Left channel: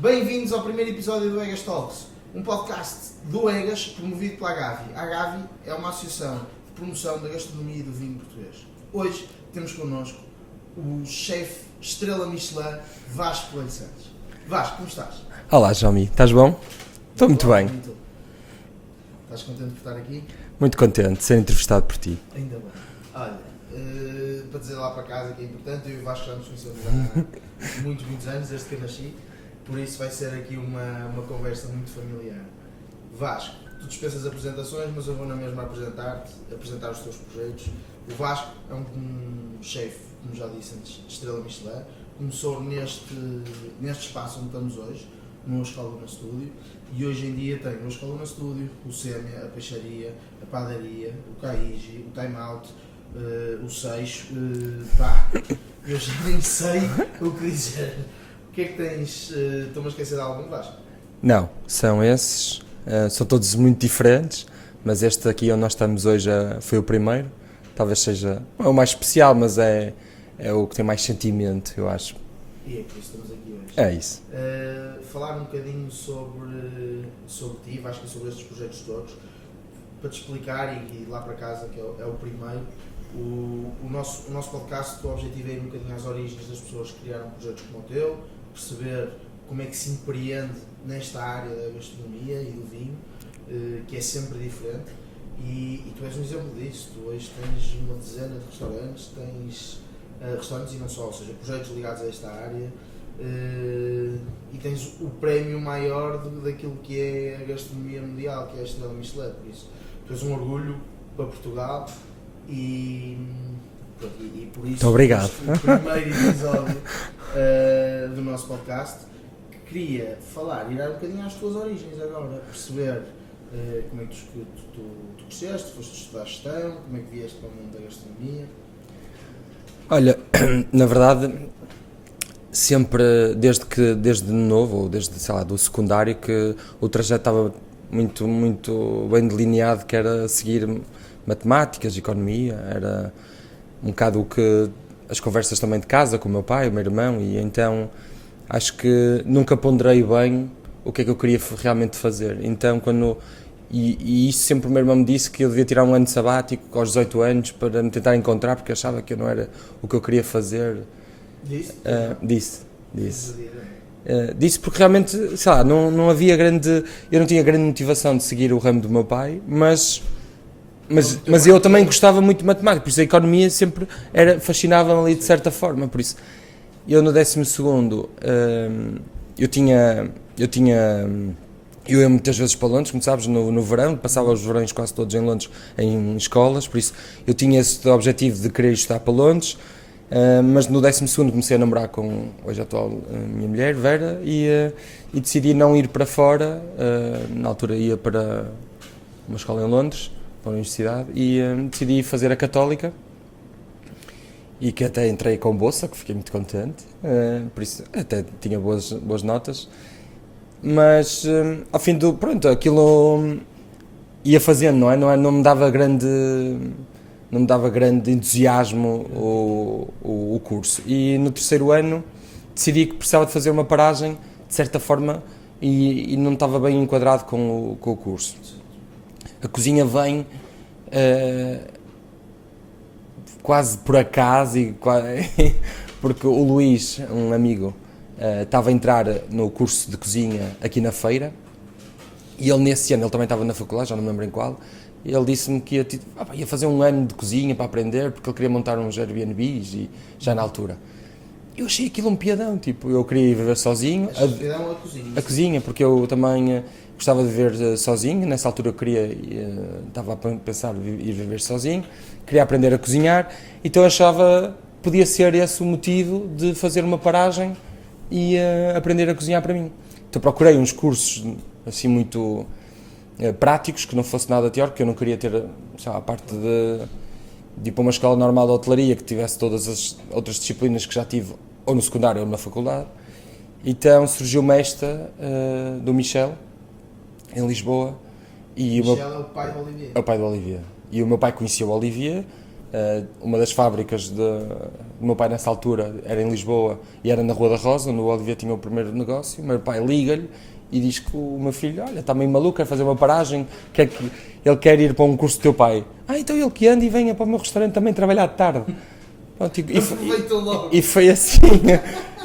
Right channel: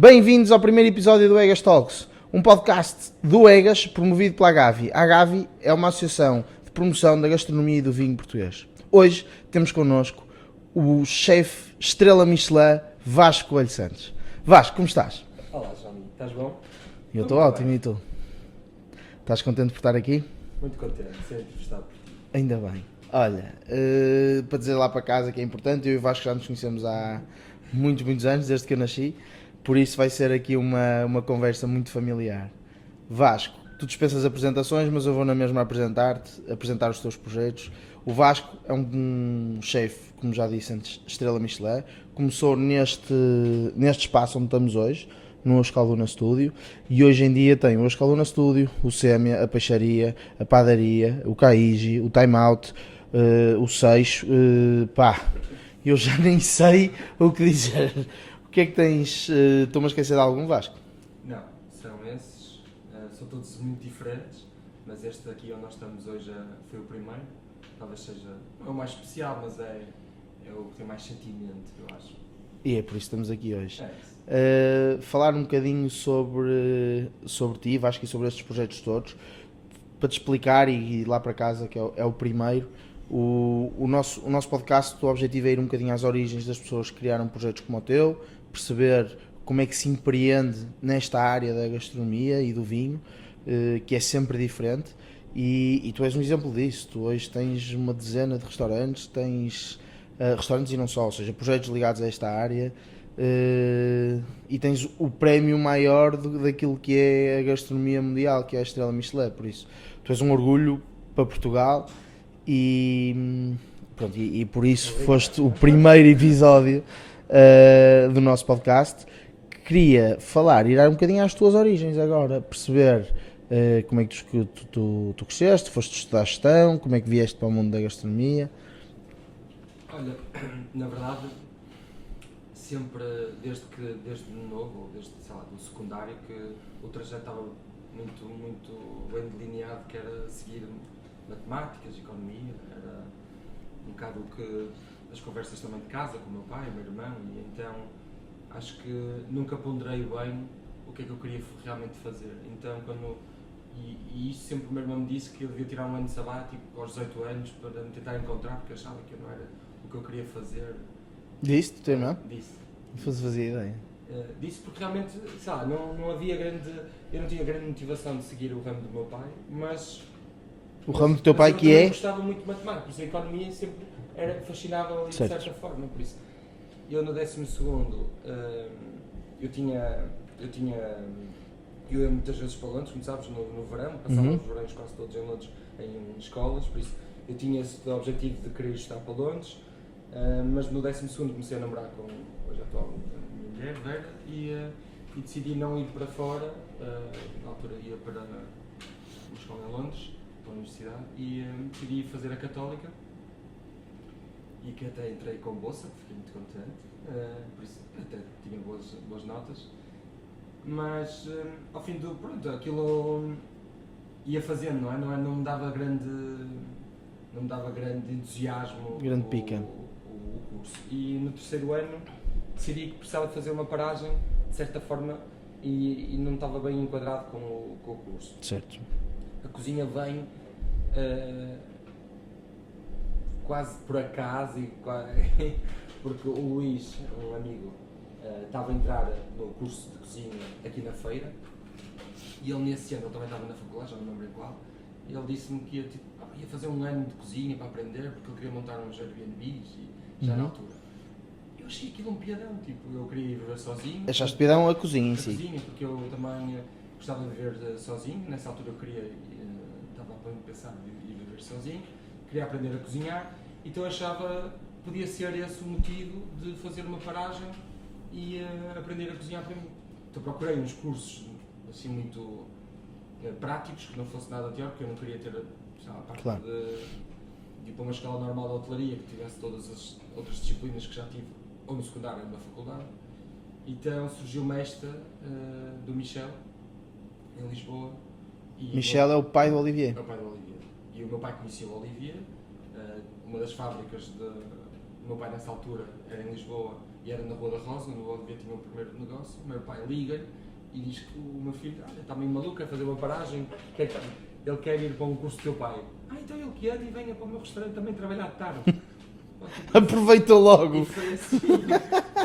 Bem-vindos ao primeiro episódio do Egas Talks, um podcast do Egas promovido pela Agavi. A Agavi é uma associação de promoção da gastronomia e do vinho português. Hoje temos connosco o chefe estrela Michelin Vasco Coelho Santos. Vasco, como estás? Olá, Jomi, estás bom? Estou muito bem. E tu? Estás contente por estar aqui? Muito contente de ser entrevistado por ti. Ainda bem. Olha, para dizer lá para casa que é importante, eu e o Vasco já nos conhecemos há muitos anos, desde que eu nasci, por isso vai ser aqui uma conversa muito familiar. Vasco, tu dispensas apresentações, mas eu vou na mesma apresentar-te, apresentar os teus projetos. O Vasco é um chefe, como já disse antes, estrela Michelin. Começou neste espaço onde estamos hoje, no Escaluna Studio, e hoje em dia tem o Escaluna Studio, o Sémia, a Peixaria, a Padaria, o Caigi, o Time Out, o Seixo, eu já nem sei o que dizer. O que é que tens? Estou-me a esquecer de algum, Vasco? Não, são esses, são todos muito diferentes, mas este aqui onde nós estamos hoje foi o primeiro, talvez seja o mais especial, mas é o que tem mais sentimento, eu acho. E é por isso que estamos aqui hoje. É isso. Falar um bocadinho sobre ti, Vasco, e sobre estes projetos todos, para te explicar e ir lá para casa, que é o primeiro. O nosso podcast, o objetivo é ir um bocadinho às origens das pessoas que criaram projetos como o teu, perceber como é que se empreende nesta área da gastronomia e do vinho, que é sempre diferente, e tu és um exemplo disso. Tu hoje tens uma dezena de restaurantes, tens restaurantes e não só, ou seja, projetos ligados a esta área, e tens o prémio maior daquilo que é a gastronomia mundial, que é a Estrela Michelin. Por isso, tu és um orgulho para Portugal e por isso foste o primeiro episódio do nosso podcast. Queria falar, ir um bocadinho às tuas origens agora, perceber como é que tu cresceste, foste estudar gestão, como é que vieste para o mundo da gastronomia. Olha, na verdade, sempre, desde novo, ou desde, sei lá, do secundário, que o trajeto estava muito bem delineado, que era seguir matemáticas, economia, era um bocado o que as conversas também de casa com o meu pai, o meu irmão, e então acho que nunca ponderei bem o que é que eu queria realmente fazer. Então, e isso sempre o meu irmão me disse, que eu devia tirar um ano de sabático aos 18 anos para me tentar encontrar, porque achava que eu não era o que eu queria fazer. Disse? Disse. Disse Porque realmente, sei lá, não havia eu não tinha grande motivação de seguir o ramo do meu pai, mas eu também gostava muito de matemática, por isso a economia sempre fascinava-me ali de certa forma. Por isso, eu no 12º, eu ia muitas vezes para Londres, como sabes, no verão, passava os verões quase todos em Londres, em escolas, por isso eu tinha esse objetivo de querer estudar para Londres, mas no 12º comecei a namorar com hoje a atual minha mulher, Vera, e decidi não ir para fora. Na altura ia para uma escola em Londres, para a universidade, e decidi fazer a Católica, e que até entrei com bolsa, que fiquei muito contente, por isso até tinha boas notas. Mas ao fim aquilo ia fazendo, não me dava grande entusiasmo o curso, e no 3º ano decidi que precisava de fazer uma paragem de certa forma, e não estava bem enquadrado com o curso. Certo. A cozinha vem quase por acaso, porque o Luís, um amigo, estava a entrar no curso de cozinha aqui na Feira, e ele nesse ano, ele também estava na faculdade, já não me lembro em qual, e ele disse-me que ia fazer um ano de cozinha para aprender, porque ele queria montar uns Airbnbs, e já na altura. Eu achei aquilo um piadão, eu queria viver sozinho. Achaste piadão a cozinha? A cozinha, porque eu também gostava de viver sozinho, nessa altura eu estava a pensar em ir viver sozinho, queria aprender a cozinhar, então eu achava que podia ser esse o motivo de fazer uma paragem e aprender a cozinhar para mim. Então procurei uns cursos assim muito práticos, que não fosse nada teórico, que eu não queria ter, sei lá, a parte de ir para uma escola normal de hotelaria que tivesse todas as outras disciplinas que já tive ou no secundário ou na faculdade. Então surgiu-me esta do Michel, em Lisboa. E Michel é o pai do Olivier. É o pai do Olivier. E o meu pai conhecia o Olivier, uma das fábricas do meu pai nessa altura era em Lisboa e era na Rua da Rosa, onde o Olivier tinha o primeiro negócio. O meu pai liga-lhe e diz que o meu filho, olha, está meio maluco, quer fazer uma paragem, ele quer ir para um curso do teu pai. Então ele que anda e venha para o meu restaurante também trabalhar de tarde. Pronto, aproveita logo. E foi assim,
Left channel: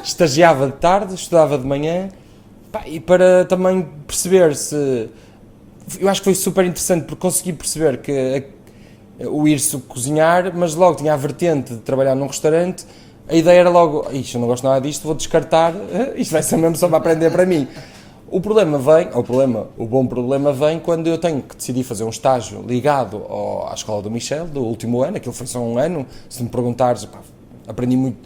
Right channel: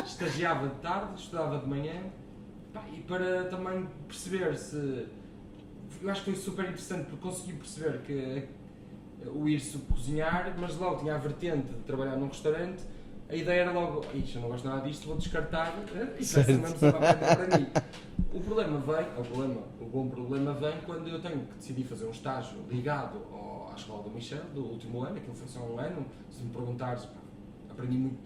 estagiava de tarde, estudava de manhã, e para também perceber se... Eu acho que foi super interessante porque consegui perceber que o ir-se cozinhar, mas logo tinha a vertente de trabalhar num restaurante. A ideia era logo, eu não gosto nada disto, vou descartar, isto vai ser mesmo só para aprender para mim. O bom problema vem quando eu tenho que decidir fazer um estágio ligado à escola do Michel, do último ano. Aquilo foi só um ano. Se me perguntares, aprendi muito.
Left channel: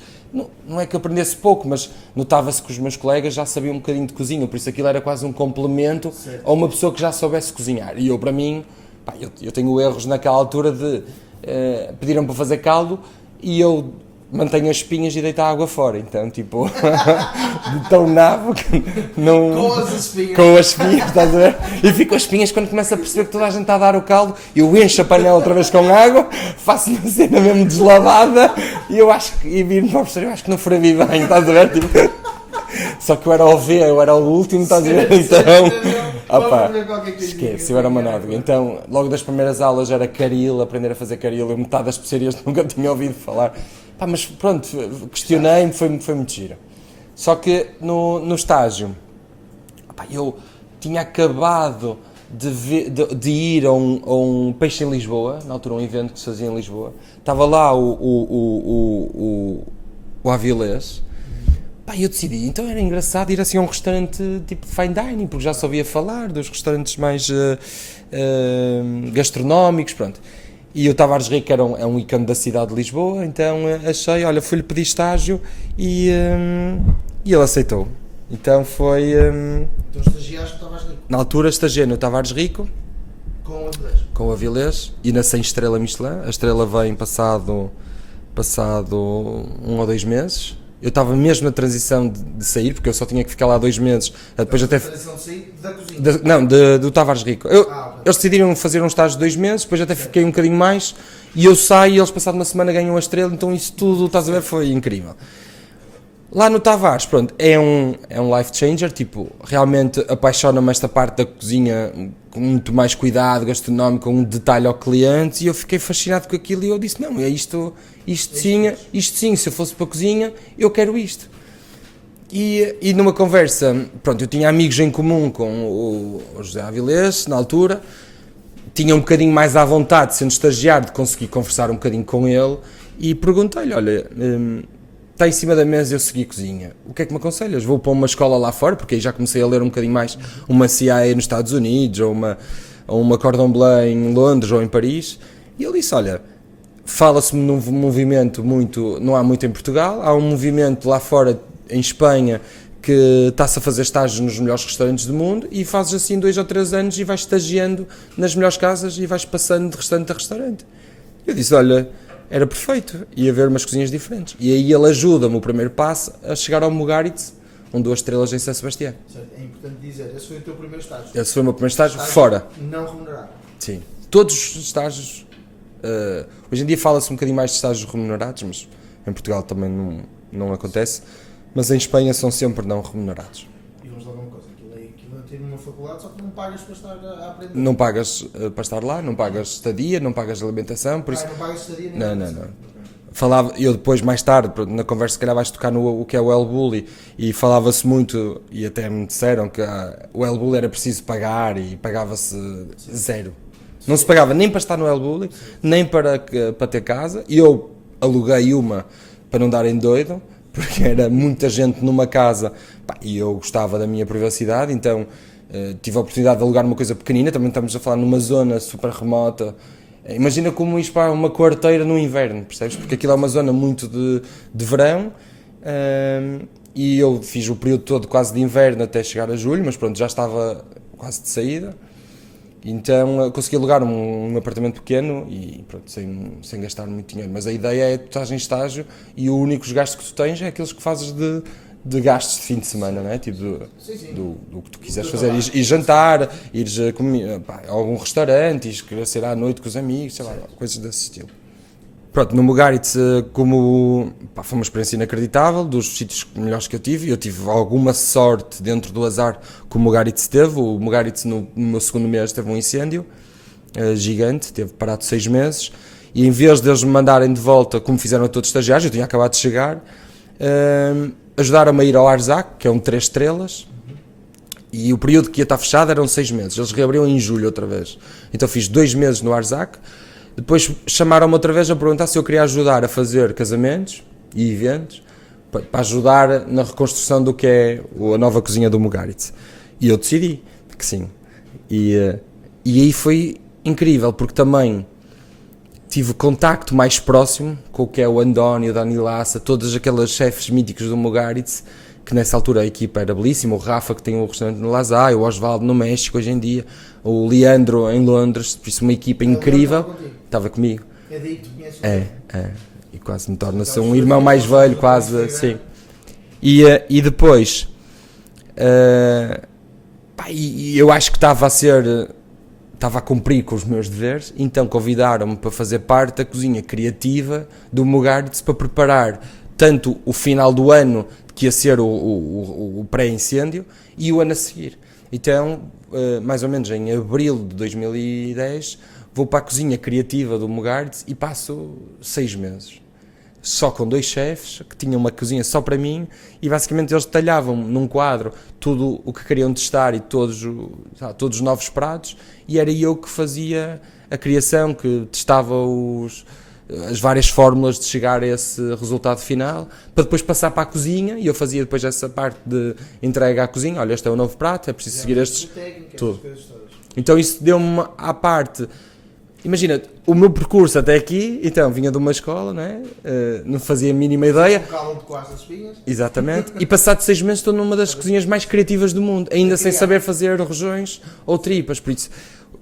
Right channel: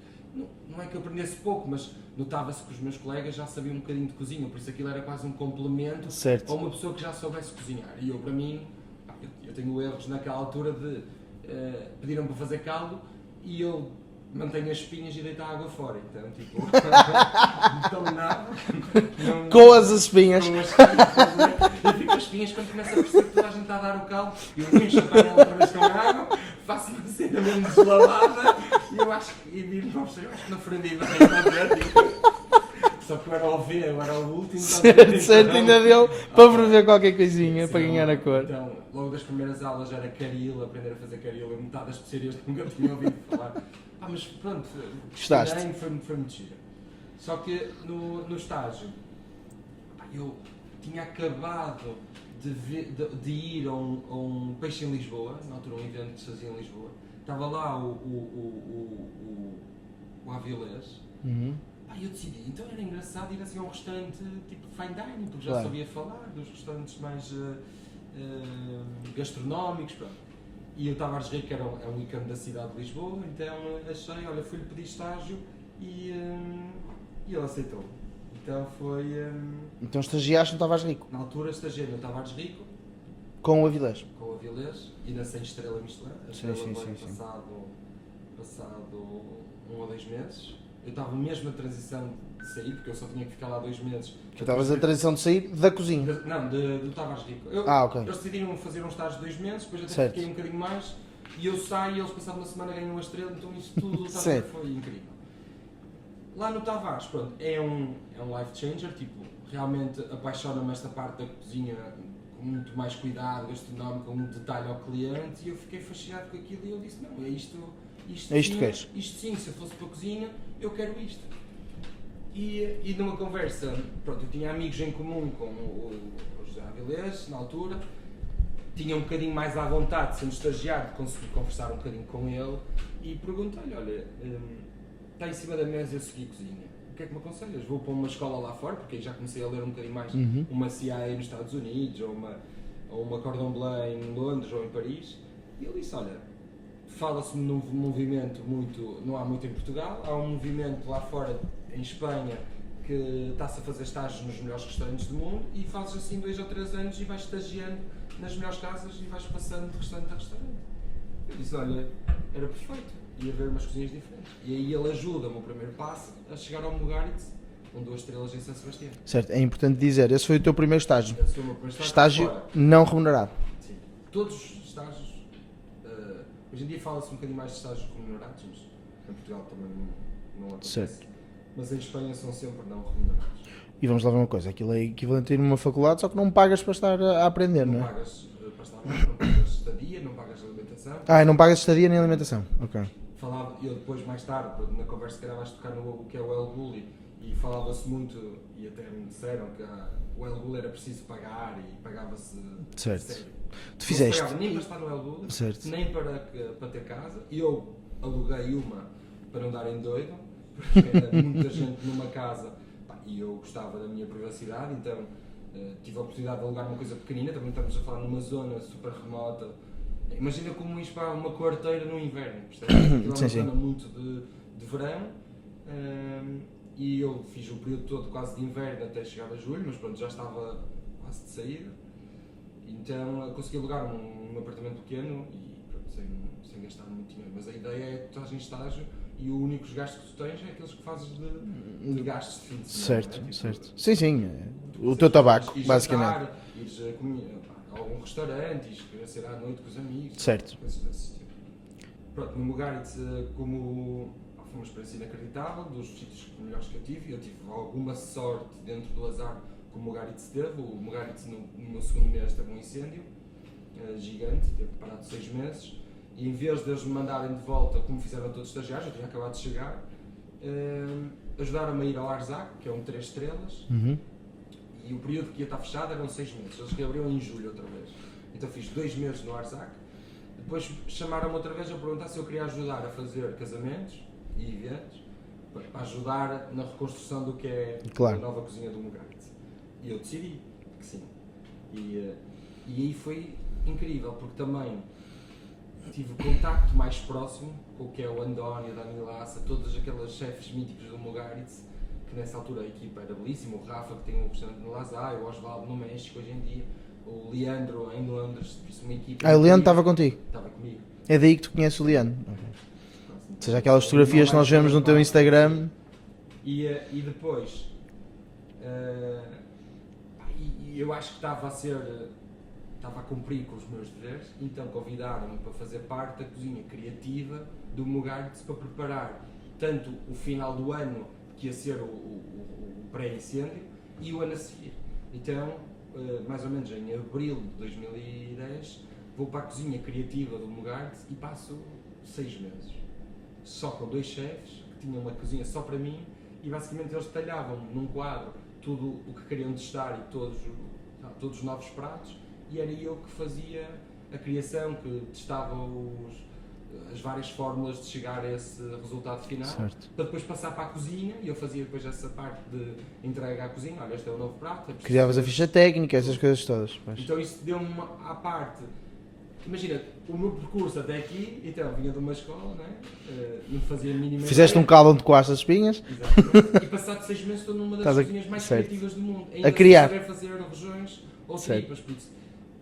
Não é que aprendesse pouco, mas notava-se que os meus colegas já sabiam um bocadinho de cozinha, por isso aquilo era quase um complemento a uma pessoa que já soubesse cozinhar. E eu, para mim, eu tenho erros naquela altura de pediram para fazer caldo e eu mantenho as espinhas e deito a água fora, então tipo de tão nabo que não... Com as espinhas. Com as espinhas, estás a ver? E fico com as espinhas quando começo a perceber que toda a gente está a dar o caldo, eu encho a panela outra vez com água, faço uma cena mesmo deslavada e viro para o professor, eu acho que não furavi bem, estás a ver? Tipo, só que eu era o último, estás a ver? Vamos ver qualquer coisinha. Eu era uma nódoa. Então, logo das primeiras aulas era caril, aprender a fazer caril, eu metade das especiarias nunca tinha ouvido falar. Mas pronto, questionei-me, foi muito giro. Só que no estágio, eu tinha acabado de ir a um peixe em Lisboa, na altura um evento que se fazia em Lisboa. Estava lá o Avilés. Eu decidi, então era engraçado ir assim a um restaurante tipo de fine dining, porque já sabia falar dos restaurantes mais gastronómicos, pronto. E o Tavares Rico é um ícone da cidade de Lisboa, então achei, olha, fui-lhe pedir estágio e ele aceitou. Então foi... Então estagiaste no Tavares Rico? Na altura estagiei no Tavares Rico. Com o Avilés? Com o Avilés e na 100 estrela Michelin. A estrela vem passado 1 ou 2 meses. Eu estava mesmo na transição de sair, porque eu só tinha que ficar lá 2 meses. Depois na transição de sair da cozinha? Do Tavares Rico. Okay. Eles decidiram fazer um estágio de 2 meses, depois até fiquei um bocadinho mais, e eu saio e eles passado uma semana ganham a estrela, então isso tudo, estás a ver, foi incrível. Lá no Tavares, pronto, é um life changer, tipo, realmente apaixona-me esta parte da cozinha com muito mais cuidado, gastronómico, com um detalhe ao cliente, e eu fiquei fascinado com aquilo e eu disse, não, é isto sim, se eu fosse para a cozinha, eu quero isto. E numa conversa, pronto, eu tinha amigos em comum com o José Avilés, na altura, tinha um bocadinho mais à vontade, sendo estagiário, de conseguir conversar um bocadinho com ele, e perguntei-lhe, olha, está em cima da mesa eu segui cozinha, o que é que me aconselhas? Vou para uma escola lá fora, porque aí já comecei a ler um bocadinho mais, uma CIA nos Estados Unidos, ou uma Cordon Bleu em Londres ou em Paris, e ele disse, olha, fala-se num movimento não há muito em Portugal, há um movimento lá fora, em Espanha, que está-se a fazer estágios nos melhores restaurantes do mundo e fazes assim 2 ou 3 anos e vais estagiando nas melhores casas e vais passando de restaurante a restaurante. Eu disse, olha, era perfeito, ia ver umas cozinhas diferentes. E aí ele ajuda-me, o primeiro passo, a chegar ao Mugaritz, com 2 estrelas em São Sebastião. Certo, é importante dizer, esse foi o teu primeiro estágio. Esse foi o meu primeiro estágio fora. Não remunerado. Sim. Todos os estágios... hoje em dia fala-se um bocadinho mais de estágios remunerados, mas em Portugal também não acontece. Sim. Mas em Espanha são sempre não remunerados. E vamos lá ver uma coisa, aquilo é equivalente a ir numa faculdade, só que não pagas para estar a aprender. Não pagas para estar lá, não pagas estadia, não pagas alimentação. Não pagas estadia nem alimentação. Não. Okay. Eu depois, mais tarde, na conversa, se calhar vais tocar no o que é o El Bulli, e falava-se muito, e até me disseram que o El Bulli era preciso pagar e pagava-se zero. Não se pagava nem para estar no El Bulli, nem para ter casa. E eu aluguei uma para não darem doido, porque era muita gente numa casa e eu gostava da minha privacidade, então tive a oportunidade de alugar uma coisa pequenina. Também estamos a falar numa zona super remota. Imagina como isto para uma quarteira no inverno, percebes? Porque aquilo é uma zona muito de verão, e eu fiz o período todo quase de inverno até chegar a julho, mas pronto, já estava quase de saída. Então consegui alugar um apartamento pequeno e pronto, sem gastar muito dinheiro. Mas a ideia é que tu estás em estágio e os únicos gastos que tu tens é aqueres que fazes de gastos de fim de semana, certo, não é? Tipo sim. Do que tu quiseres fazer. Tabaco, ir jantar, ires a algum restaurante, ires sair à noite com os amigos, sei lá, coisas desse estilo. Pronto, no Mugaritz, como foi uma experiência inacreditável, dos sítios melhores que eu tive alguma sorte dentro do azar que o Mugaritz teve. O Mugaritz no meu segundo mês teve um incêndio gigante, teve parado 6 meses, e em vez de eles me mandarem de volta, como fizeram a todos os estagiários, eu tinha acabado de chegar, ajudaram-me a ir ao Arzac, que é um 3 estrelas, e o período que ia estar fechado eram 6 meses, eles reabriram em julho outra vez, então fiz 2 meses no Arzac. Depois chamaram-me outra vez a perguntar se eu queria ajudar a fazer casamentos e eventos para ajudar na reconstrução do que é a nova cozinha do Mugaritz. E eu decidi que sim. E aí foi incrível, porque também tive contacto mais próximo com o que é o Andónio, o Dani Lassa, todos aqueles chefes míticos do Mugaritz, que nessa altura a equipa era belíssima, o Rafa que tem o restaurante no Lazai, o Osvaldo no México hoje em dia, o Leandro em Londres, por isso uma equipa incrível. O Leandro estava contigo? Estava comigo. É daí que tu conheces o Leandro? E quase me torna-se um irmão mais velho, quase. Sim. E depois, eu acho que estava a cumprir com os meus deveres, então convidaram-me para fazer parte da cozinha criativa do Mugaritz para preparar tanto o final do ano, que ia ser o pré-incêndio, e o ano a seguir. Então, mais ou menos em abril de 2010, vou para a cozinha criativa do Mugaritz e passo 6 meses. Só com 2 chefes, que tinham uma cozinha só para mim, e basicamente eles detalhavam num quadro tudo o que queriam testar e todos os novos pratos, e era eu que fazia a criação, que testava as várias fórmulas de chegar a esse resultado final, sim, para depois passar para a cozinha, e eu fazia depois essa parte de entrega à cozinha. Olha, este é o novo prato, é preciso seguir a técnica, essas coisas todas. Então isso deu-me à parte. Imagina, o meu percurso até aqui, então, vinha de uma escola, não fazia a mínima ideia. Fizeste um caldo onde coaste as espinhas. Exatamente. E passado 6 meses estou numa das cozinhas mais criativas do mundo, ainda sem saber fazer rojões ou tripas, por isso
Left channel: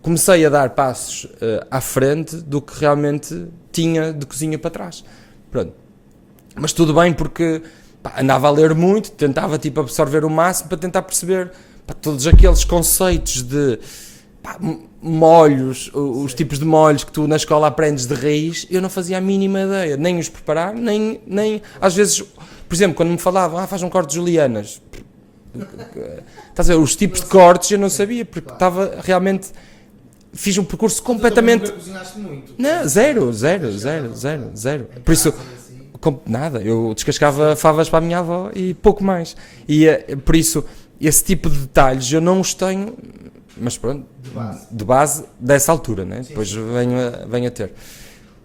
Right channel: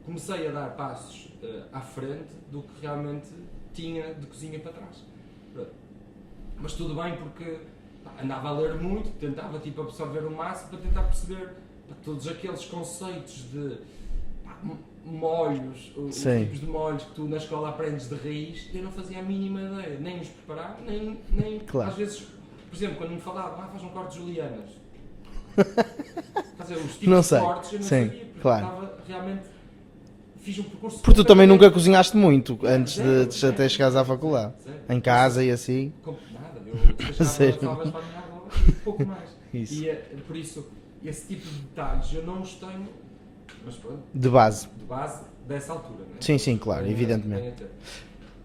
comecei a dar passos à frente do que realmente tinha de cozinha para trás. Pronto. Mas tudo bem, porque andava a ler muito, tentava absorver o máximo para tentar perceber todos aqueles conceitos de molhos, os tipos de molhos que tu na escola aprendes de raiz. Eu não fazia a mínima ideia, nem os preparar, nem claro. Às vezes, por exemplo, quando me falavam, faz um corte de julianas, estás a ver, os tipos de cortes eu não sabia, porque estava realmente... Fiz um percurso completamente... Tu também nunca cozinhaste muito? Não, zero. Em casa e assim? Nada, eu descascava favas para a minha avó e pouco mais. E por isso, esse tipo de detalhes eu não os tenho, mas pronto. De base dessa altura, né? Sim, depois claro, venho a ter.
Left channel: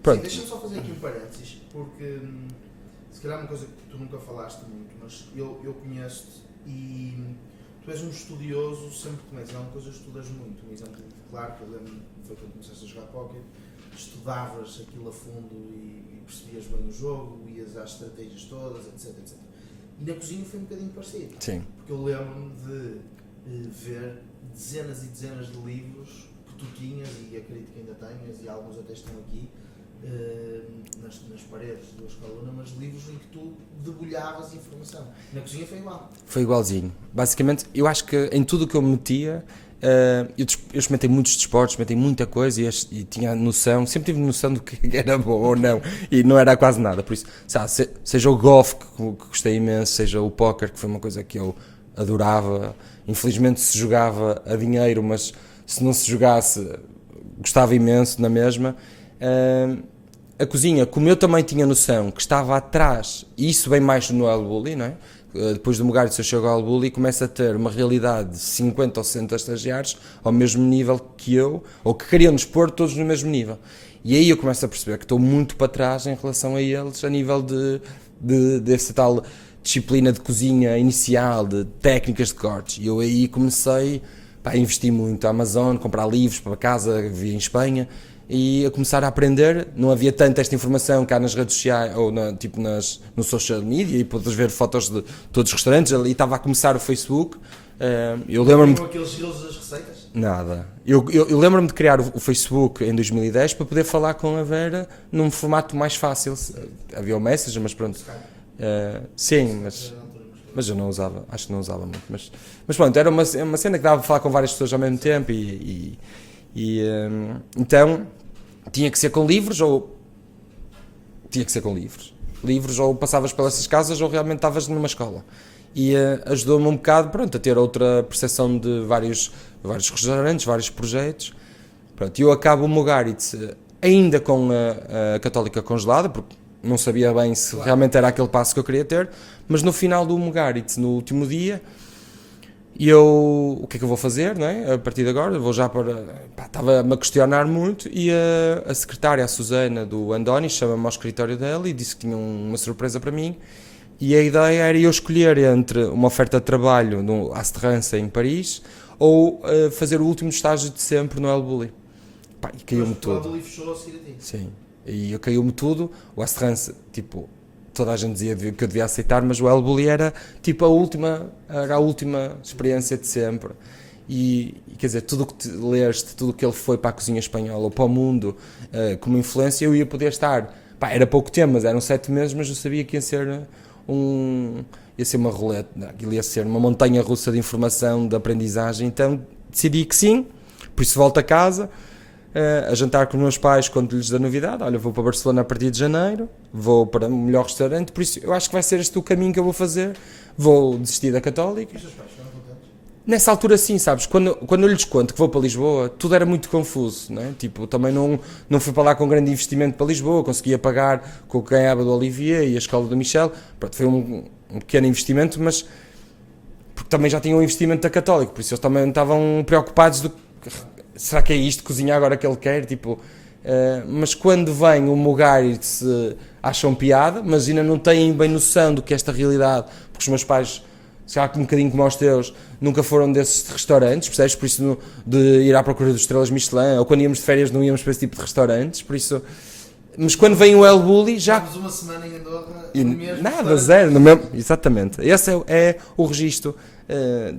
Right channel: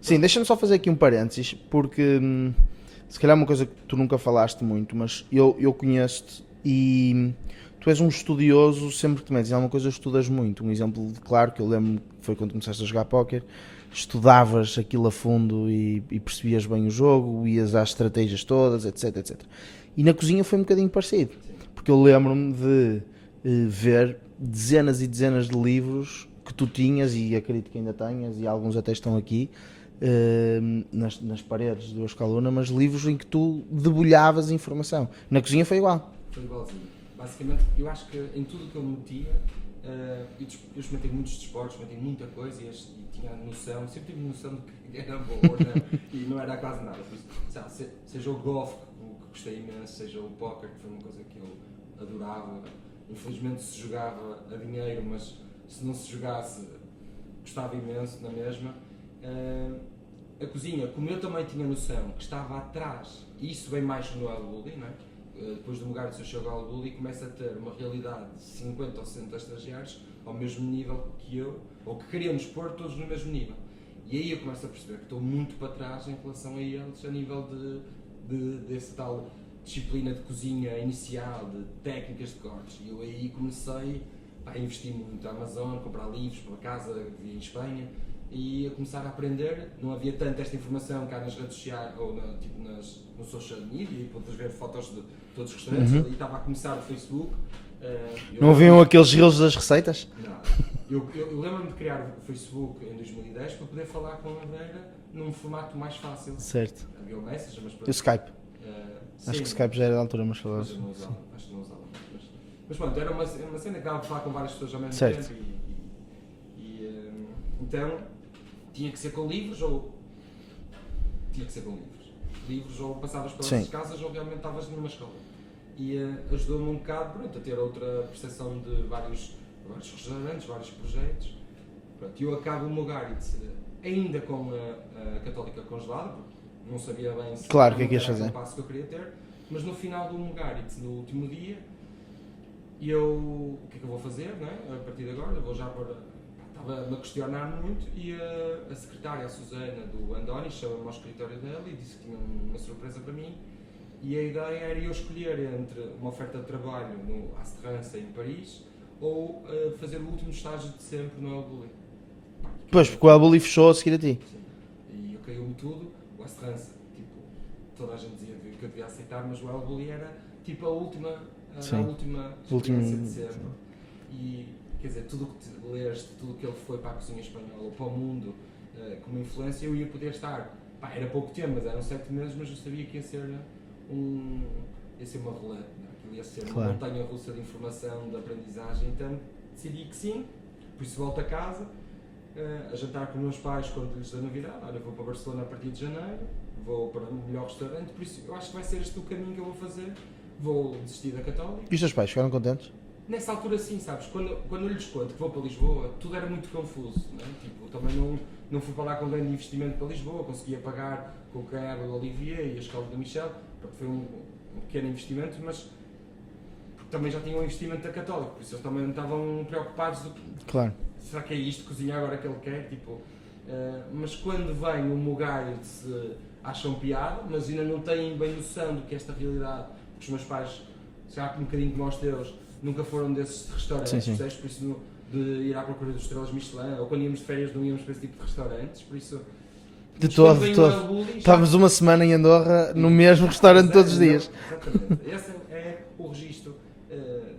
Pronto. Sim, deixa-me só fazer aqui um parênteses, porque se calhar é uma coisa que tu nunca falaste muito, mas eu conheço-te e... Tu és um estudioso, sempre que te metes em alguma coisa estudas muito. Um exemplo claro que eu lembro foi quando começaste a jogar póquer, estudavas aquilo a fundo e percebias bem o jogo, ias às estratégias todas, etc. E na cozinha foi um bocadinho parecido. Sim. Porque eu lembro-me de ver dezenas e dezenas de livros que tu tinhas, e acredito que ainda tenhas, e alguns até estão aqui, nas paredes do Escalona, mas livros em que tu debulhavas informação. Na cozinha foi igual. Foi igualzinho. Basicamente, eu acho que em tudo o que eu me metia, eu experimentei muitos desportos, experimentei muita coisa e tinha noção, sempre tive noção do que era bom ou não, e não era quase nada. Por isso, seja o golfe, que gostei imenso, seja o póquer, que foi uma coisa que eu adorava. Infelizmente se jogava a dinheiro, mas se não se jogasse, gostava imenso na mesma. A cozinha, como eu também tinha noção que estava atrás, e isso vem mais no El Bulli, não é? Depois do Mugaritz eu chego ao El Bulli e começo a ter uma realidade de 50 ou 60 estagiários ao mesmo nível que eu, ou que queriam nos pôr todos no mesmo nível. E aí eu começo a perceber que estou muito para trás em relação a eles, a nível dessa tal disciplina de cozinha inicial, de técnicas de cortes. E eu aí comecei a investir muito. A Amazon, comprar livros para casa, via em Espanha, e a começar a aprender. Não havia tanta esta informação cá nas redes sociais ou no social media, e podes ver fotos de todos os restaurantes. Ali estava a começar o Facebook. Não viam aqueles reels das receitas? Nada. Eu lembro-me de criar o Facebook em 2010 para poder falar com a Vera num formato mais fácil. Certo. Havia o Messenger, mas pronto. O Skype. Sim, mas eu não usava, acho que não usava muito. Mas pronto, era uma cena que dava para falar com várias pessoas ao mesmo tempo então tinha que ser com livros ou tinha que ser com livros. Livros, ou passavas pelas Sim. casas ou realmente estavas numa escola. E ajudou-me um bocado, pronto, a ter outra percepção de vários restaurantes, vários projetos. Pronto, eu acabo o Mugaritz ainda com a Católica congelada, porque não sabia bem se Claro, realmente era fazer. aquele passo que eu queria ter, mas no final do Mugaritz, no último dia, o que é que eu vou fazer, não é? A partir de agora, vou já para... Estava-me a questionar muito, e a secretária, a Susana, do Andoni, chama-me ao escritório dela e disse que tinha uma surpresa para mim, e a ideia era eu escolher entre uma oferta de trabalho no Asterrança, em Paris, ou fazer o último estágio de sempre no El Bulli. Pá, e Pois, caiu-me porque o tudo. Abuli fechou a seguir a ti. Sim, e caiu-me tudo. O Asterrança, tipo, toda a gente dizia que eu devia aceitar, mas o El Bulli era tipo a última experiência de sempre. E quer dizer, tudo o que leste, tudo o que ele foi para a cozinha espanhola ou para o mundo como influência, eu ia poder estar. Pá, era pouco tempo, mas eram 7 meses, mas eu sabia que ia ser uma roleta, aquilo ia ser uma montanha russa de informação, de aprendizagem. Então decidi que sim, por isso volto a casa. A jantar com os meus pais quando lhes dá novidade. Olha, vou para Barcelona a partir de janeiro, vou para o melhor restaurante, por isso eu acho que vai ser este o caminho que eu vou fazer. Vou desistir da Católica. E os teus pais ficaram contentes? Nessa altura sim, sabes, quando eu lhes conto que vou para Lisboa, tudo era muito confuso, né? Tipo, também não fui para lá com grande investimento para Lisboa, conseguia pagar com o que ganhava do Olivier e a escola do Michel. Pronto, foi um pequeno investimento, mas porque também já tinham um investimento da Católica, por isso eles também estavam preocupados do Claro. será que é isto, cozinhar agora que ele quer, tipo, mas quando vem o Mugaritz acham piada, mas ainda não têm bem noção do que é esta realidade, porque os meus pais, já um bocadinho como os teus, nunca foram desses restaurantes, percebes? Por isso de ir à procura dos estrelas Michelin, ou quando íamos de férias não íamos para esse tipo de restaurantes, por isso... Mas quando vem o El Bulli já... Estávamos uma semana em Andorra no mesmo Nada, restaurante zero, todos os no dias. mesmo- Exatamente. Esse é o registro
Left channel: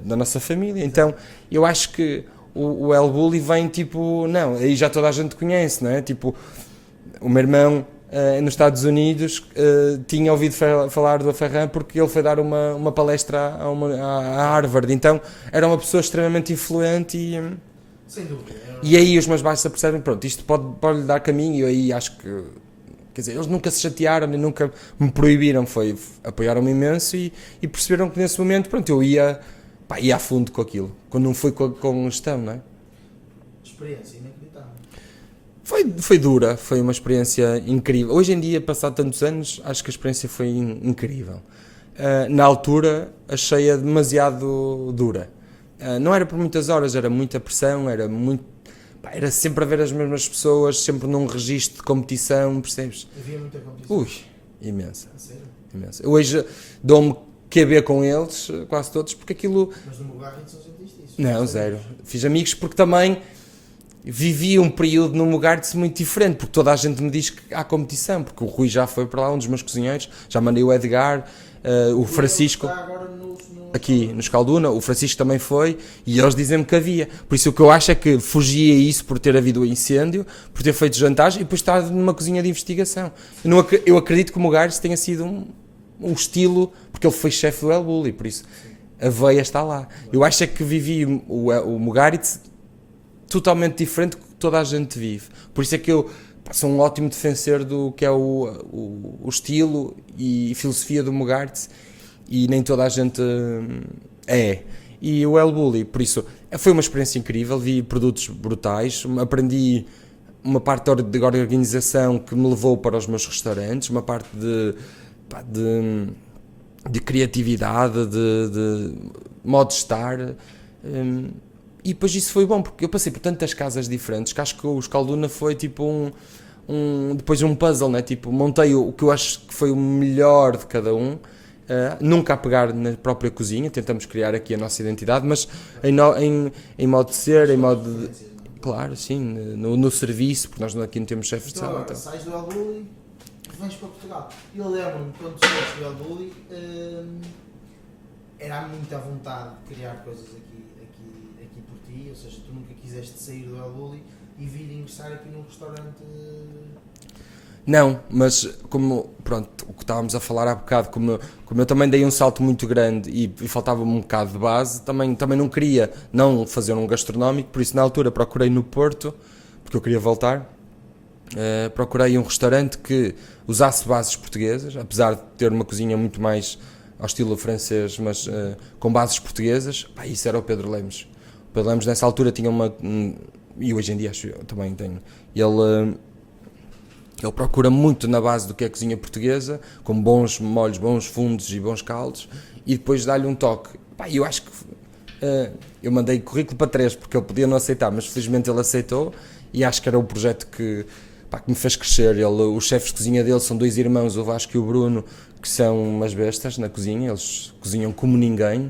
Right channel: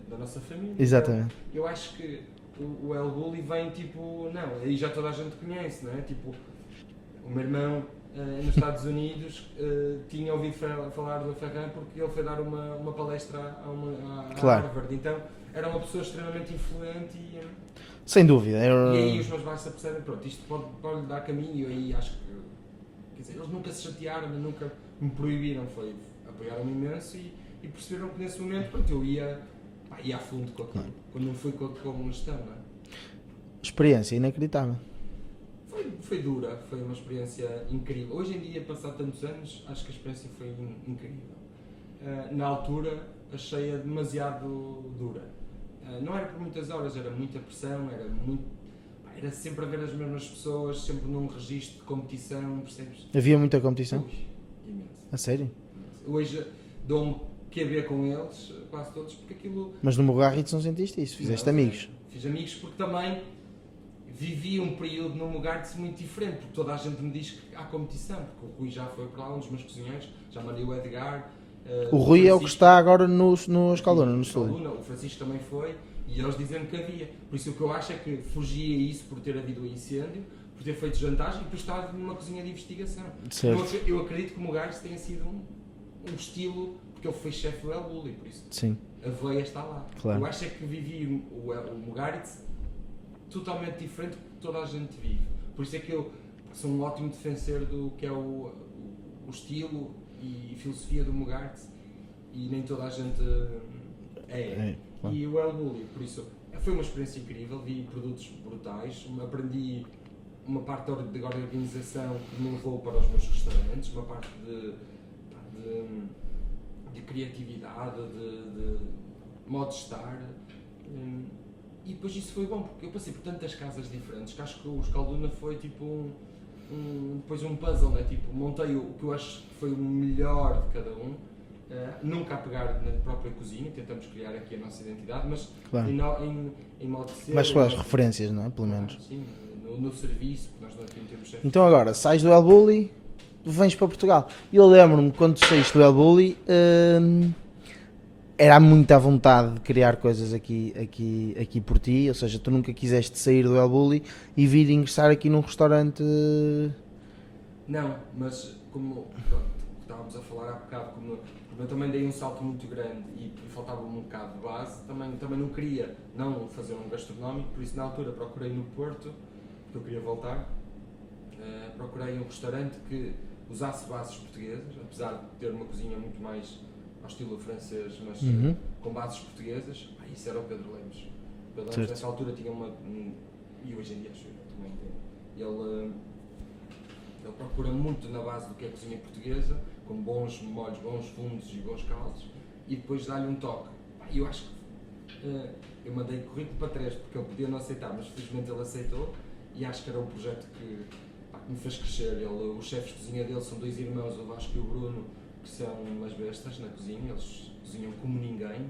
da nossa família. Exatamente. Então, eu acho que o El Bulli vem tipo... Não, aí já toda a gente conhece, não é? Tipo, o meu irmão nos Estados Unidos tinha ouvido falar do Ferran porque ele foi dar uma palestra à Harvard. Então, era uma pessoa extremamente influente Sem dúvida. e aí os meus pais se apercebem, pronto, isto pode lhe dar caminho, e eu aí acho que, quer dizer, eles nunca se chatearam, nem nunca me proibiram, apoiaram-me imenso e perceberam que nesse momento, pronto, eu ia a fundo com aquilo, quando não foi com gestão, não é? Experiência inacreditável. Foi dura, foi uma experiência incrível. Hoje em dia, passado tantos anos, acho que a experiência foi incrível. Na altura, achei-a demasiado dura. Não era por muitas horas, era muita pressão, era sempre a ver as mesmas pessoas, sempre num registro de competição, percebes? Havia muita competição. Ui, imensa, A sério? imensa. Eu hoje dou-me QB com eles, quase todos, porque aquilo... Mas no Mugaritz não sentiste isso? Não, Fizeste zero. amigos? Fiz amigos porque também vivi um período no Mugaritz muito diferente, porque toda a gente me diz que há competição, porque o Rui já foi para lá, um dos meus cozinheiros, já mandei o Edgar, O o Rui é o que Francisco... está agora no Aqui, Escalduna. no Escalduna, o Francisco também foi, e eles dizem-me que havia. Por isso o que eu acho é que fugia isso por ter havido o incêndio, por ter feito jantares e depois estar numa cozinha de investigação. Eu acredito que o Mugaritz tenha sido um estilo, porque ele foi chefe do El Bulli, por isso Sim. a veia está lá. Claro. Eu acho é que vivi o Mugaritz totalmente diferente do que toda a gente vive. Por isso é que eu sou um ótimo defensor do que é o estilo e filosofia do Mugaritz, e nem toda a gente E o El Bulli, por isso, foi uma experiência incrível, vi produtos brutais, aprendi uma parte de organização que me levou para os meus restaurantes, uma parte de criatividade, de modo de estar, e depois isso foi bom, porque eu passei por tantas casas diferentes que acho que o Escalduna foi tipo depois um puzzle, né? Tipo, montei o que eu acho que foi o melhor de cada um, nunca a pegar na própria cozinha, tentamos criar aqui a nossa identidade, mas Claro. em modo de ser, Mas em com as modo referências, não é? Pelo claro, menos. sim, no serviço, porque nós aqui não temos chefe de Então sala, agora, sais do El Bulli, vens para Portugal. E eu lembro-me, quando saíste do El Bulli, era muita vontade de criar coisas aqui por ti, ou seja, tu nunca quiseste sair do El Bulli e vir ingressar aqui num restaurante. Não, mas como, pronto, o que estávamos a falar há bocado, como eu também dei um salto muito grande e faltava-me um bocado de base, também não queria não fazer um gastronómico, por isso na altura procurei no Porto, porque eu queria voltar, procurei um restaurante que usasse bases portuguesas, apesar de ter uma cozinha muito mais ao estilo francês, mas com bases portuguesas. Pá, isso era o Pedro Lemos. O Pedro Lemos nessa altura tinha e hoje em dia acho eu também tenho, ele procura muito na base do que é a cozinha portuguesa, com bons molhos, bons fundos e bons caldos, e depois dá-lhe um toque. Pá, eu acho que eu mandei currículo para 3 porque ele podia não aceitar, mas felizmente ele aceitou, e acho que era o projeto que me fez crescer. Os chefes de cozinha dele são 2 irmãos, o Vasco e o Bruno, que são umas bestas na cozinha, eles cozinham como ninguém,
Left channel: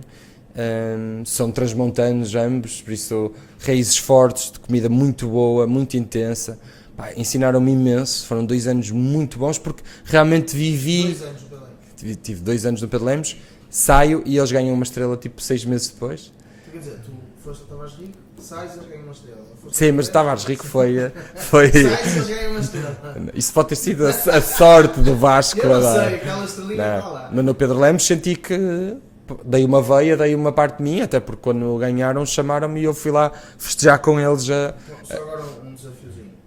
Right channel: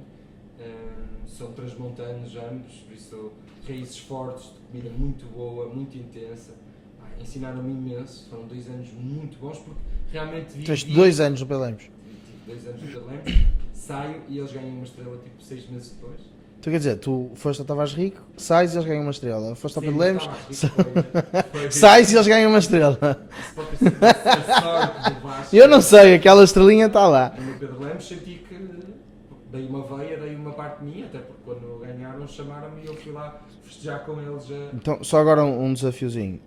são transmontanos ambos, por isso raízes fortes, de comida muito boa, muito intensa. Pá, ensinaram-me imenso, foram 2 anos muito bons, porque realmente vivi... 2 anos no Pedro Lemos? Tive 2 anos no Pedro Lemos, saio e eles ganham uma estrela tipo 6 meses depois. Tu quer dizer, tu foste a Tavares Rico, sais e eles ganham uma estrela. Sim, mas Tavares Rico foi... Sais e eles ganham uma estrela. Isso pode ter sido a sorte do Vasco. Eu não sei, aquela estrelinha está lá. Mas no Pedro Lemos senti que dei uma veia, dei uma parte de mim, até porque quando ganharam chamaram-me e eu fui lá festejar com eles. Então, só agora um desafiozinho.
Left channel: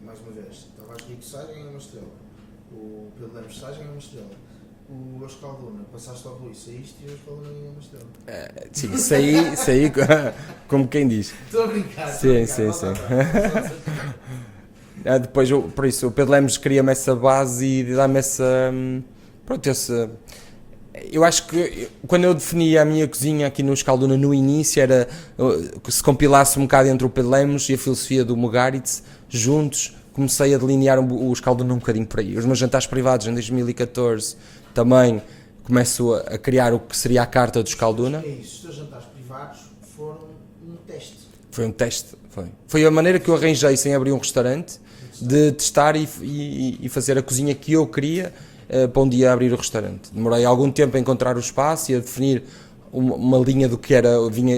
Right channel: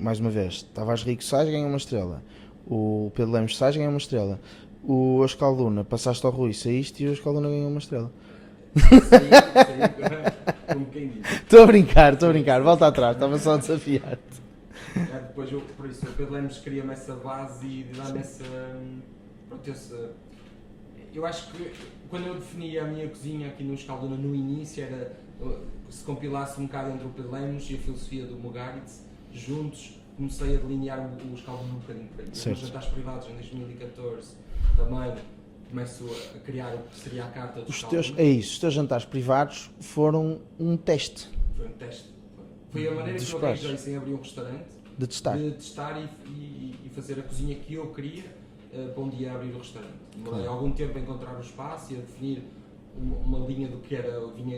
Mais uma vez, Tavares Rico sais, ganha uma estrela. O Pedro Lemos sais, ganha uma estrela. O Escalduna, passaste ao Rui, saíste e o Escalduna ganhou uma estrela. Saí como quem diz. Estou a brincar, Sim, volta atrás, estava só a desafiar. Depois, por isso, o Pedro Lemos cria-me essa base e dá-me essa... Pronto, eu acho que quando eu definia a minha cozinha aqui no Escalduna no início, era se compilasse um bocado entre o Pedro Lemos e a filosofia do Mugaritz, juntos, comecei a delinear o Escalduna um bocadinho por aí. Os meus jantares privados em 2014 também começo a criar o que seria a carta do Escalduna. É isso, os teus jantares privados foram um teste. Foi um teste, foi a maneira que eu arranjei sem abrir um restaurante, de testar e fazer a cozinha que eu queria para um dia abrir o restaurante. Demorei algum tempo a encontrar o espaço e a definir uma linha do que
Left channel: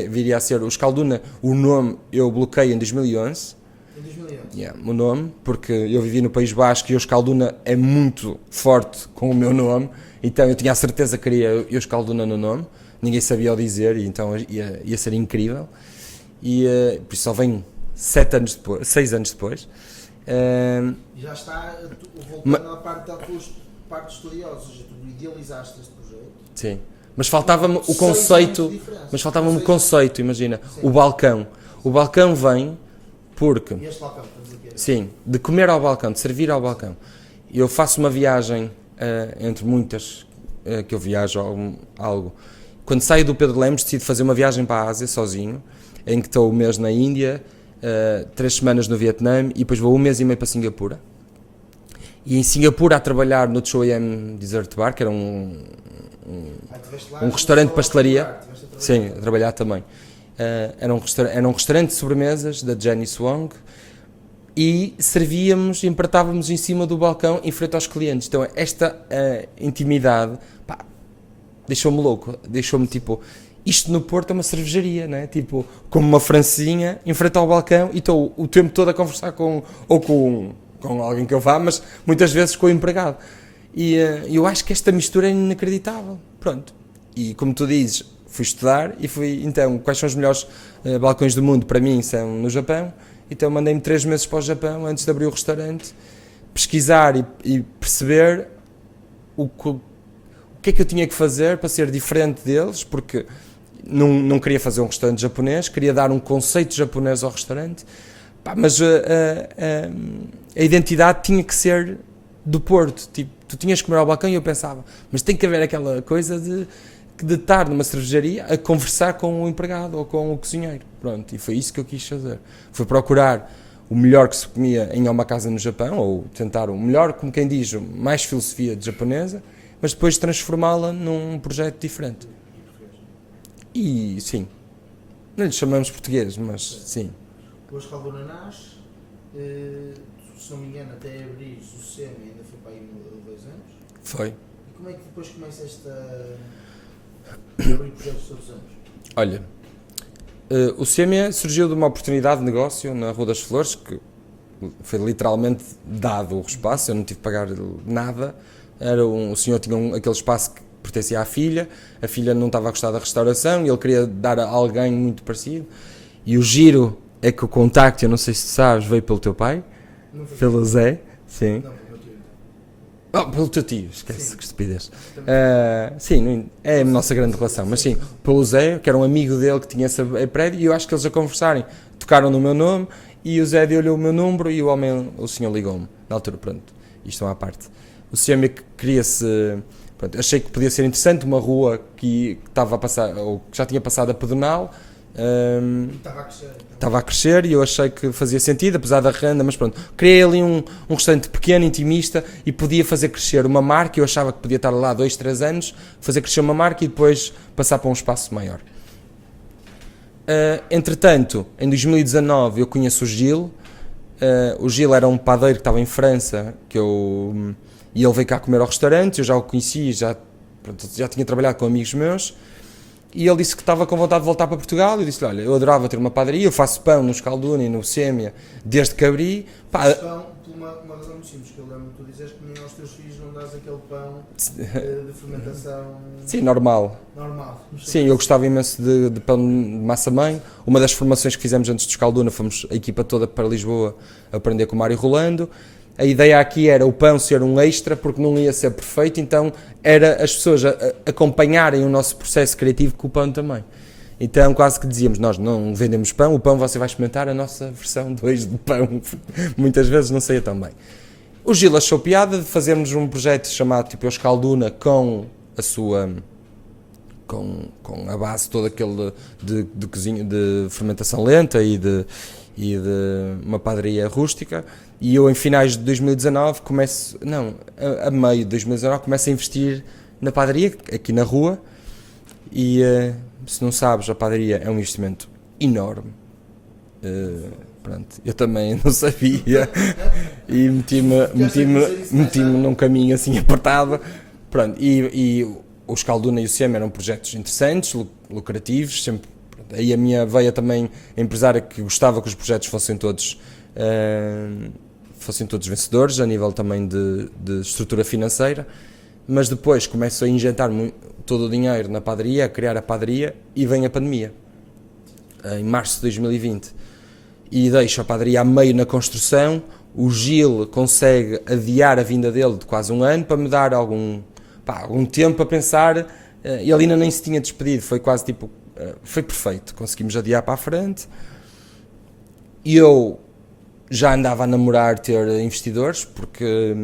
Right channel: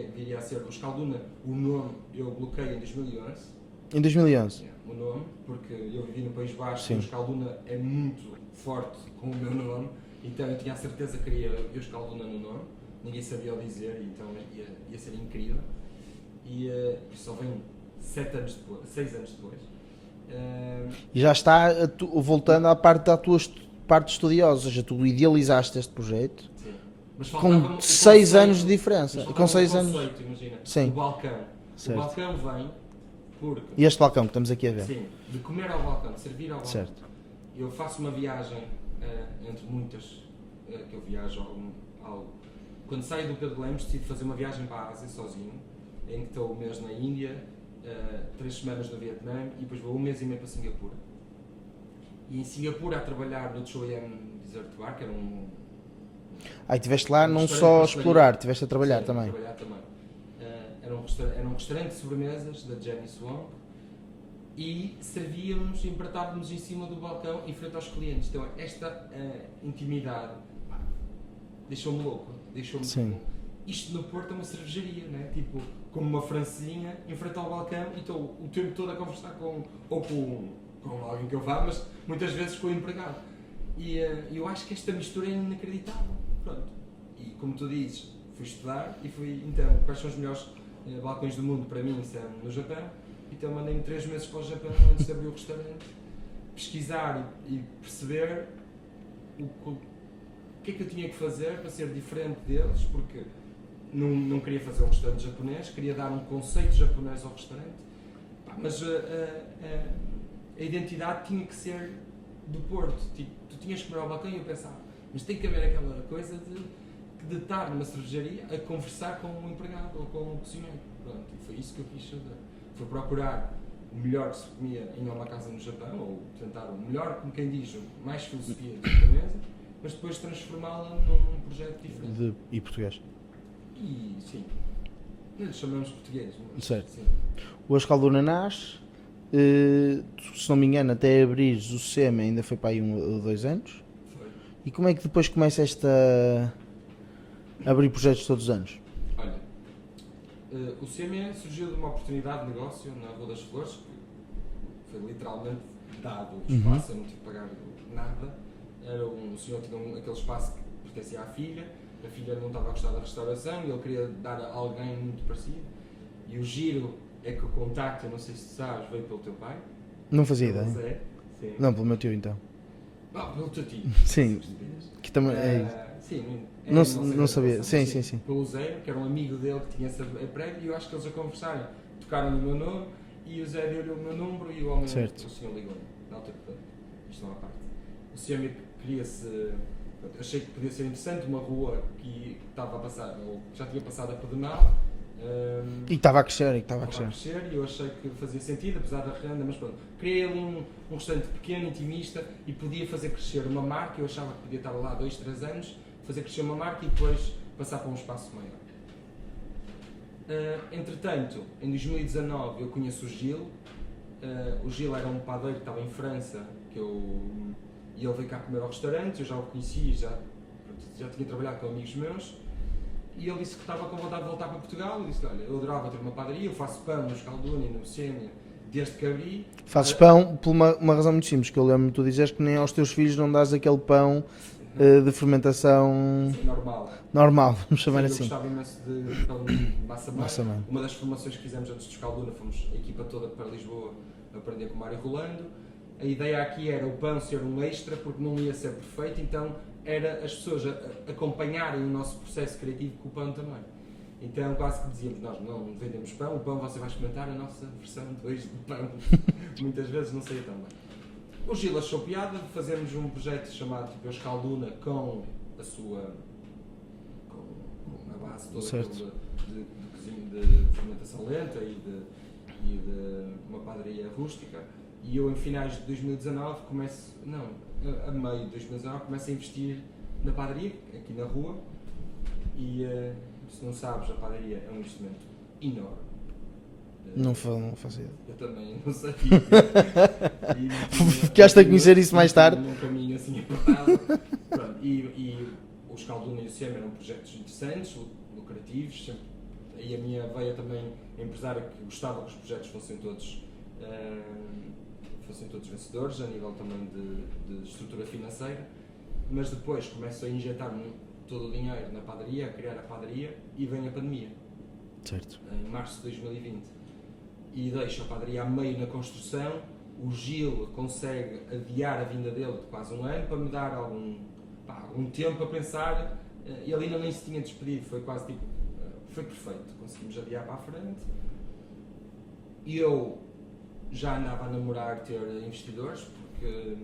viria a ser o Escalduna. O nome eu bloqueei em 2011. Em 2011? Yeah, o nome, porque eu vivi no País Basco e o Escalduna é muito forte com o meu nome, então eu tinha a certeza que queria o Escalduna no nome, ninguém sabia o dizer, e então ia ser incrível, e por isso só vem 6 anos depois. E já está voltando à parte da tua parte estudiosa, ou seja, tu idealizaste este projeto. Sim, mas faltava-me o 6 anos de conceito, diferença. mas faltava-me o conceito, imagina, Sim. o balcão. Sim. O balcão vem porque... E este balcão que estamos aqui a ver. Sim, de comer ao balcão, de servir ao balcão. Certo. Eu faço uma viagem, entre muitas que eu viajo algo. Quando saio do Pedro Lemos, decido fazer uma viagem para a Ásia, sozinho, em que estou um mês na Índia, 3 semanas no Vietnã, e depois vou 1 mês e meio para Singapura. E em Singapura a trabalhar no Choyam Dessert Bar, que era um estiveste lá, restaurante de pastelaria. Estiveste a trabalhar também. Sim, a trabalhar também. Era um restaurante de sobremesas da Jenny Swong, e servíamos, empratávamos em cima do balcão em frente aos clientes. Então esta intimidade deixou-me louco, deixou-me tipo, isto no Porto é uma cervejaria, né? Tipo, como uma francesinha em frente ao balcão, e estou o tempo todo a conversar com alguém que eu vá, mas muitas vezes com o empregado. E eu acho que esta mistura é inacreditável. Pronto. E como tu dizes, fui estudar e então, quais são os melhores balcões do mundo? Para mim são no Japão, então mandei-me 3 meses para o Japão antes de abrir o restaurante, pesquisar e perceber o que é que eu tinha que fazer para ser diferente deles, porque não queria fazer um restaurante japonês, queria dar um conceito japonês ao restaurante, mas a identidade tinha que ser do Porto. Tipo, tu tinhas que comer ao balcão e eu pensava, mas tem que haver aquela coisa de estar numa cervejaria a conversar com o empregado ou com o cozinheiro. Pronto, e foi isso que eu quis fazer. Foi procurar o melhor que se comia em omakase no Japão, ou tentar o melhor, como quem diz, mais filosofia de japonesa, mas depois transformá-la num projeto diferente. E português? E sim, não lhe chamamos português, mas sim. O Escalduna nasce, se não me engano, até abrires o SEMA ainda foi para aí 1 ou 2 anos. Foi. E como é que depois começa a abrir projetos todos os anos? Olha, o SEMA surgiu de uma oportunidade de negócio na Rua das Flores, que foi literalmente dado o espaço, eu não tive que pagar nada. O senhor tinha aquele espaço que pertencia à filha, a filha não estava a gostar da restauração e ele queria dar a alguém muito parecido. E o giro é que o contacto, eu não sei se tu sabes, veio pelo teu pai. Não fazia pelo ideia. Zé, sim. Não, pelo meu tio então. Oh, pelo teu tio, esquece, Sim. que estupidez. Que também- Sim, é a Não nossa grande sabia. relação, mas Sim, sim, sim. pelo Zé, que era um amigo dele que tinha esse prédio, e eu acho que eles a conversarem, tocaram no meu nome, e o Zé deu-lhe o meu número, e o homem, Certo. o senhor ligou-me, na altura, pronto, isto é uma parte. O senhor me queria-se, pronto, achei que podia ser interessante, uma rua que estava a passar, ou que já tinha passado a pedonal, E estava a crescer. estava a crescer e eu achei que fazia sentido, apesar da renda, mas pronto, criei ali um restaurante pequeno, intimista, e podia fazer crescer uma marca. Eu achava que podia estar lá 2, 3 anos, fazer crescer uma marca e depois passar para um espaço maior. Entretanto, em 2019 eu conheço o Gil. O Gil era um padeiro que estava em França, e ele veio cá comer ao restaurante. Eu já o conheci, já tinha trabalhado com amigos meus. E ele disse que estava com vontade de voltar para Portugal. Eu disse-lhe, olha, eu adorava ter uma padaria, eu faço pão no Escalduna e no Sêmia desde que abri. Fazes pão por uma razão muito simples, que eu lembro-me de tu dizeres que nem aos teus filhos não dás aquele pão de fermentação Sim, normal. normal. Vamos chamar Sim, assim. eu gostava imenso de pão de massa-mãe. Massa-mãe. Uma das formações que fizemos antes do Escalduna, fomos a equipa toda para Lisboa a aprender com o Mário Rolando. A ideia aqui era o pão ser um extra, porque não ia ser perfeito, então era as pessoas acompanharem o nosso processo criativo com o pão também. Então quase que dizíamos, nós não vendemos pão, o pão você vai experimentar a nossa versão 2 de pão. Muitas vezes não saía tão bem. O Gil achou piada de fazermos um projeto chamado tipo Escalduna com a sua... Com a base toda aquele de cozinha, de fermentação lenta e de uma padaria rústica. E eu em finais de 2019 a meio de 2019 começo a investir na padaria, aqui na rua, e se não sabes, a padaria é um investimento enorme. Não fazia. Eu também não sabia e meti-me Ficaste a conhecer isso mais tarde. num caminho assim apertado. Pronto, e o Escalduna e o Sêmia eram projetos interessantes, lucrativos, sempre. Aí a minha veia também empresária, que gostava que os projetos fossem todos vencedores, a nível também de estrutura financeira, mas depois começo a injetar todo o dinheiro na padaria, a criar a padaria, e vem a pandemia, certo. Em março de 2020, e deixo a padaria a meio na construção. O Gil consegue adiar a vinda dele de quase um ano para me dar algum tempo a pensar. Ele ainda nem se tinha despedido, foi quase tipo, foi perfeito, conseguimos adiar para a frente. E eu já andava a namorar ter investidores, porque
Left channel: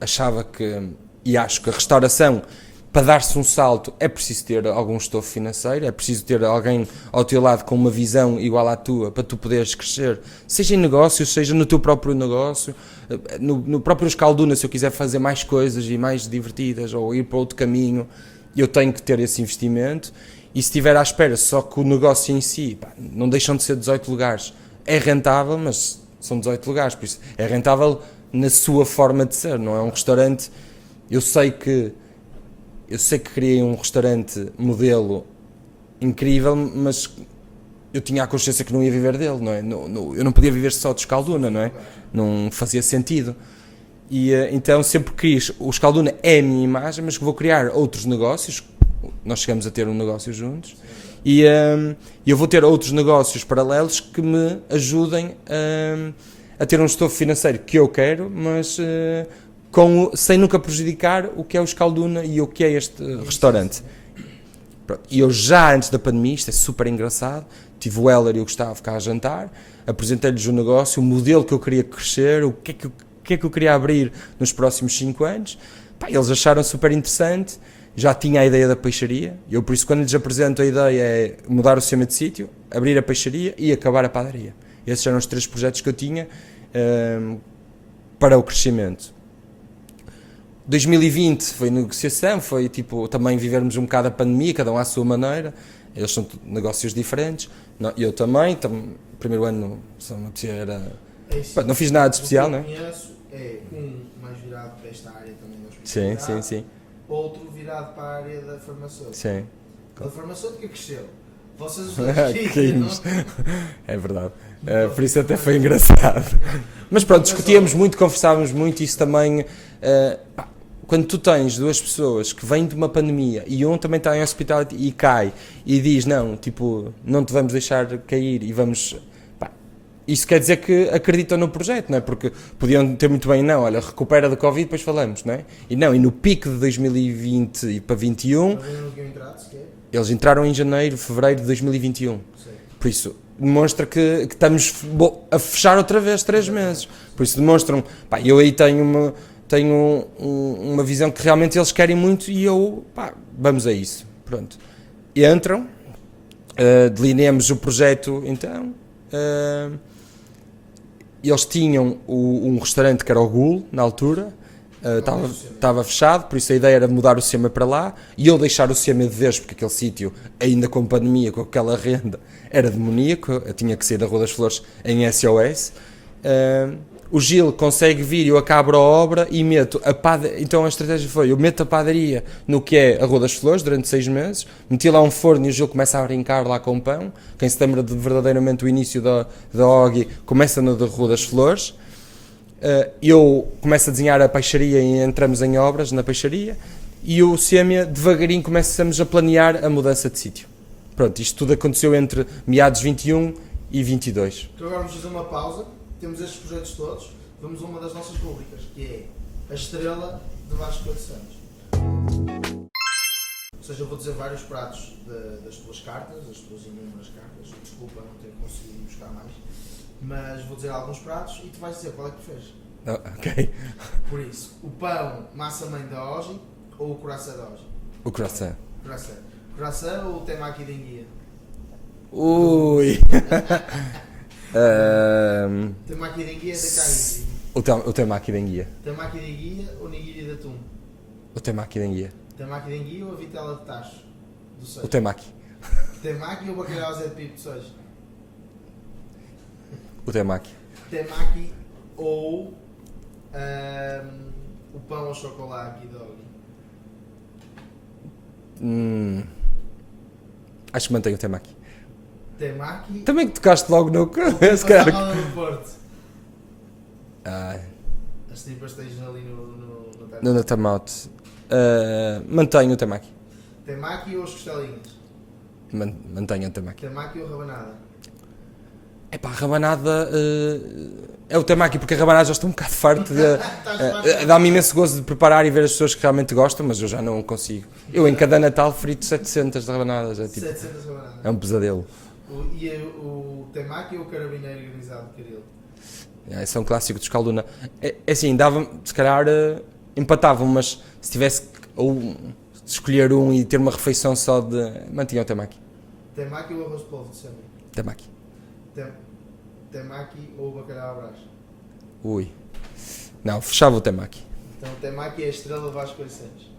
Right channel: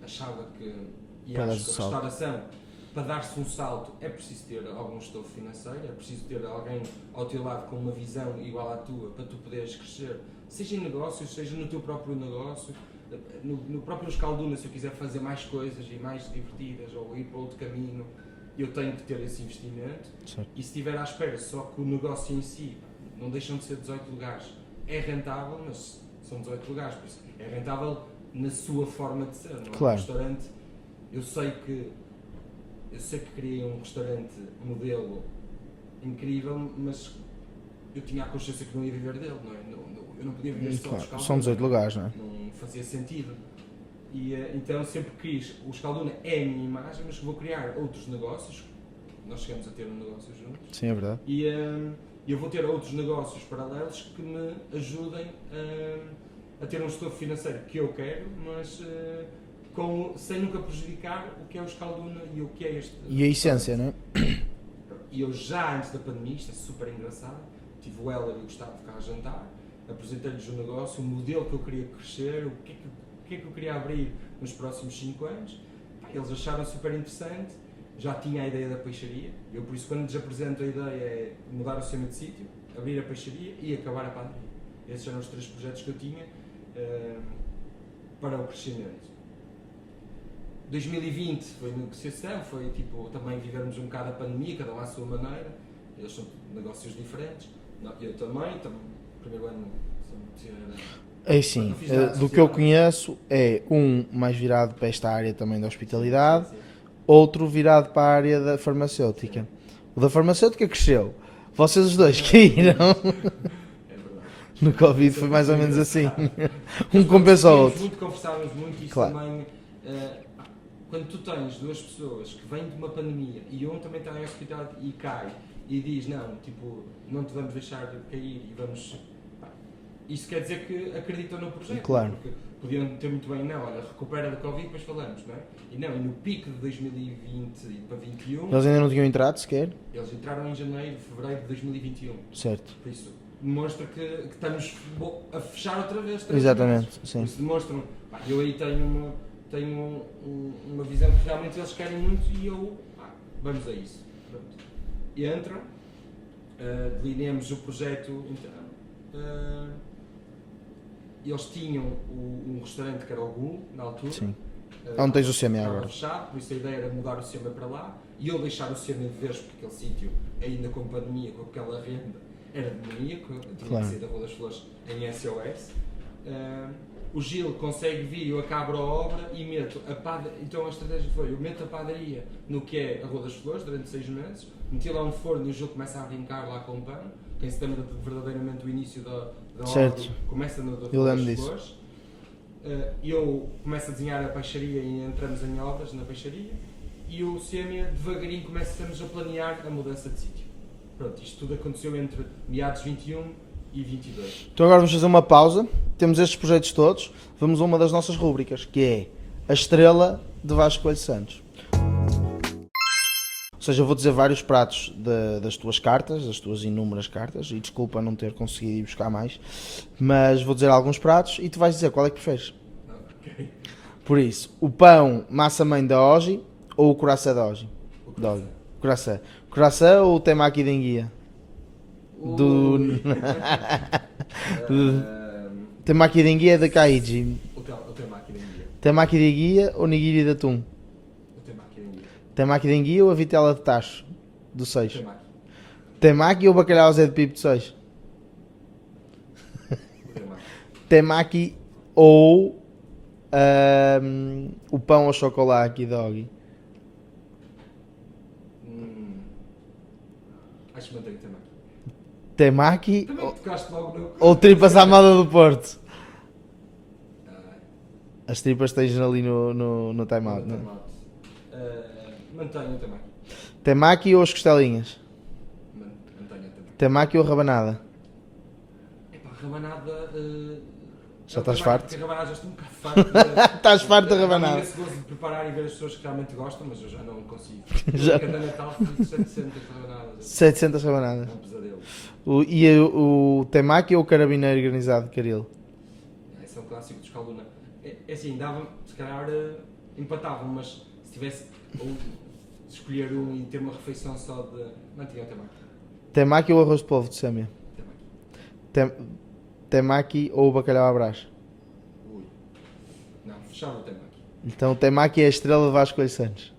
achava que, e acho que a restauração, para dar-se um salto, é preciso ter algum estofo financeiro, é preciso ter alguém ao teu lado com uma visão igual à tua, para tu poderes crescer, seja em negócios, seja no teu próprio negócio, no próprio Escalduna. Se eu quiser fazer mais coisas e mais divertidas, ou ir para outro caminho, eu tenho que ter esse investimento. Sim. E se estiver à espera só que o negócio em si, não deixam de ser 18 lugares, é rentável, mas são 18 lugares, por isso é rentável na sua forma de ser, não é? Claro. Um restaurante, eu sei que criei um restaurante modelo incrível, mas eu tinha a consciência que não ia viver dele, não é? Eu não podia viver só de Escalduna, não é? Lugares, não é? Não fazia sentido. E então sempre quis, o Escalduna é a minha imagem, mas que vou criar outros negócios. Nós chegamos a ter um negócio juntos. Sim, é verdade. E eu vou ter outros negócios paralelos que me ajudem a ter um estofo financeiro que eu quero, mas sem nunca prejudicar o que é o Escalduna e o que é este restaurante. Essência, e eu já antes da pandemia, isto é super engraçado, tive o Heller e o Gustavo cá a jantar, apresentei-lhes o negócio, o modelo que eu queria crescer, o que é que eu queria abrir nos próximos 5 anos. Eles acharam super interessante. Já tinha a ideia da peixaria. Eu, por isso, quando lhes apresento a ideia, é mudar o sistema de sítio, abrir a peixaria e acabar a padaria. Esses eram os 3 projetos que eu tinha para o crescimento. 2020 foi negociação, foi tipo também vivermos um bocado a pandemia, cada um à sua maneira. Eles são negócios diferentes. Eu também. Primeiro ano, era... não fiz nada de especial. Do que eu conheço, é mais virado para esta área também da hospitalidade. Sim. Outro virado para a área da farmacêutica. Sim. O da farmacêutica cresceu. Vocês os dois caíram. É verdade. Por isso até foi engraçado. Assim. Mas pronto, discutíamos muito, conversávamos muito. Isso claro. Também, quando tu tens 2 pessoas que vêm de uma pandemia e um também está em hospital e cai e diz, não te vamos deixar cair e vamos... isso quer dizer que acreditam no projeto, Claro. não é? Porque podiam ter muito bem, não, olha, recupera da Covid, depois falamos, não é? E não, e no pico de 2020 e para 21, Eles ainda não tinham entrado sequer? eles entraram em janeiro, fevereiro de 2021. Certo. Por isso, demonstra que estamos a fechar outra vez 3 Exatamente, meses. sim. Por isso demonstram, pá, eu aí tenho uma visão que realmente eles querem muito e eu, pá, vamos a isso. Pronto. Entram, delineamos o projeto então. Eles tinham um restaurante que era o Gul, na altura. Onde tens o CMA, Estava não é? fechado, por isso a ideia era mudar o CMA para lá e eu deixar o CMA de vez, porque aquele sítio, ainda com pandemia, com aquela renda, era demoníaco. Eu tinha que sair da Rua das Flores em SOS. O Gil consegue vir, eu acabo a obra e meto a padaria. Então a estratégia foi: eu meto a padaria no que é a Rua das Flores durante 6 meses, meti lá um forno e o Gil começa a brincar lá com o pão. Quem se lembra de verdadeiramente o início da OGI começa na da Rua das Flores. Eu começo a desenhar a peixaria e entramos em obras na peixaria, e o Sêmia devagarinho começamos a planear a mudança de sítio. Pronto, isto tudo aconteceu entre meados 21 e 22. Então agora vamos fazer uma pausa. Temos estes projetos todos. Vamos a uma das nossas rúbricas, que é a estrela de Vasco Coelho Santos. Ou seja, eu vou dizer vários pratos das tuas cartas, das tuas inúmeras cartas, e desculpa não ter conseguido ir buscar mais, mas vou dizer alguns pratos e tu vais dizer qual é que preferes. Ok. Por isso, o pão massa-mãe da Oji ou o coração da Oji? O coração. Coração. Coração ou o temaki de enguia? Ui. Temaki de enguia da Kaiji. O temaki de enguia. Temaki de enguia ou nigiri de atum? O temaki de enguia. Temaki de enguia ou a vitela de tacho do O 6? temaki. Temaki ou bacalhau Zé de Pipo do 6? O temaki. Temaki ou o pão ao chocolate aqui da Ogi? Acho que mantenho o temaki. Temaki Também que tocaste logo no... ou tripas à moda do Porto? Ah, As tripas tens ali no time no out. time-out. Mantenho o temaki. Temaki ou as costelinhas? Mantenho o temaki. Temaki ou rabanada? Epá, a rabanada... Já é o estás temaki, farto? porque a rabanada já estou um bocado farto de... Estás farto da Dá-me rabanada? imenso gozo de preparar e ver as pessoas que realmente gostam, mas eu já não consigo. Eu em cada Natal frito 700 de rabanadas. É, tipo, 700 rabanadas. é um pesadelo. O temaki ou o carabineiro granizado de Caril? Esse é um clássico de Escalduna. É assim, dava, se calhar empatavam, mas se tivesse ou escolher um e ter uma refeição só de... Mantinha o temaki. Temaki ou arroz de polvo de Sêmia? Temaki. Temaki ou bacalhau à brás? Ui. Não, fechava o temaki. Então o temaki é a estrela de Vasco Coelho Santos.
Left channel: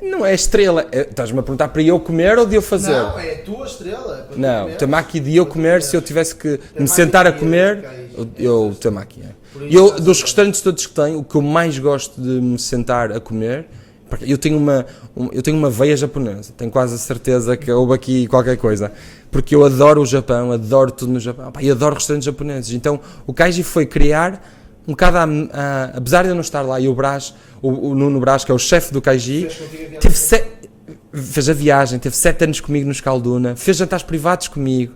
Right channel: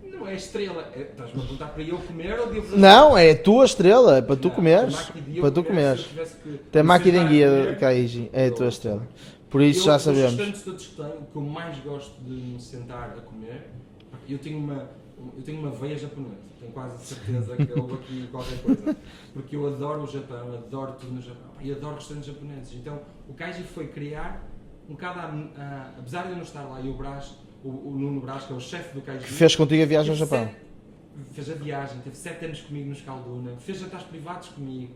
Não é estrela. Estás-me a perguntar para eu comer ou de eu fazer? Não, é a tua estrela, é para tu Não, comeres. temaki de eu Para tu comer, comeres. se eu tivesse que me Temaki sentar a de guia comer, de Kaiji. É a eu tua estrela. temaki. É. Por isso Eu, já dos sabemos. restaurantes todos que tenho, o que eu mais gosto de me sentar a comer, porque eu tenho uma veia japonesa, tenho quase a certeza que houve aqui qualquer coisa, porque eu adoro o Japão, adoro tudo no Japão, e adoro restaurantes japoneses. Então o Kaiji foi criar um bocado, apesar de eu não estar lá, e o Brás, o Nuno Brás, que é o chefe do Kaiji, Fez contigo a viagem teve ao Japão. fez a viagem, teve 7 anos comigo no Escalduna, fez jantares privados comigo,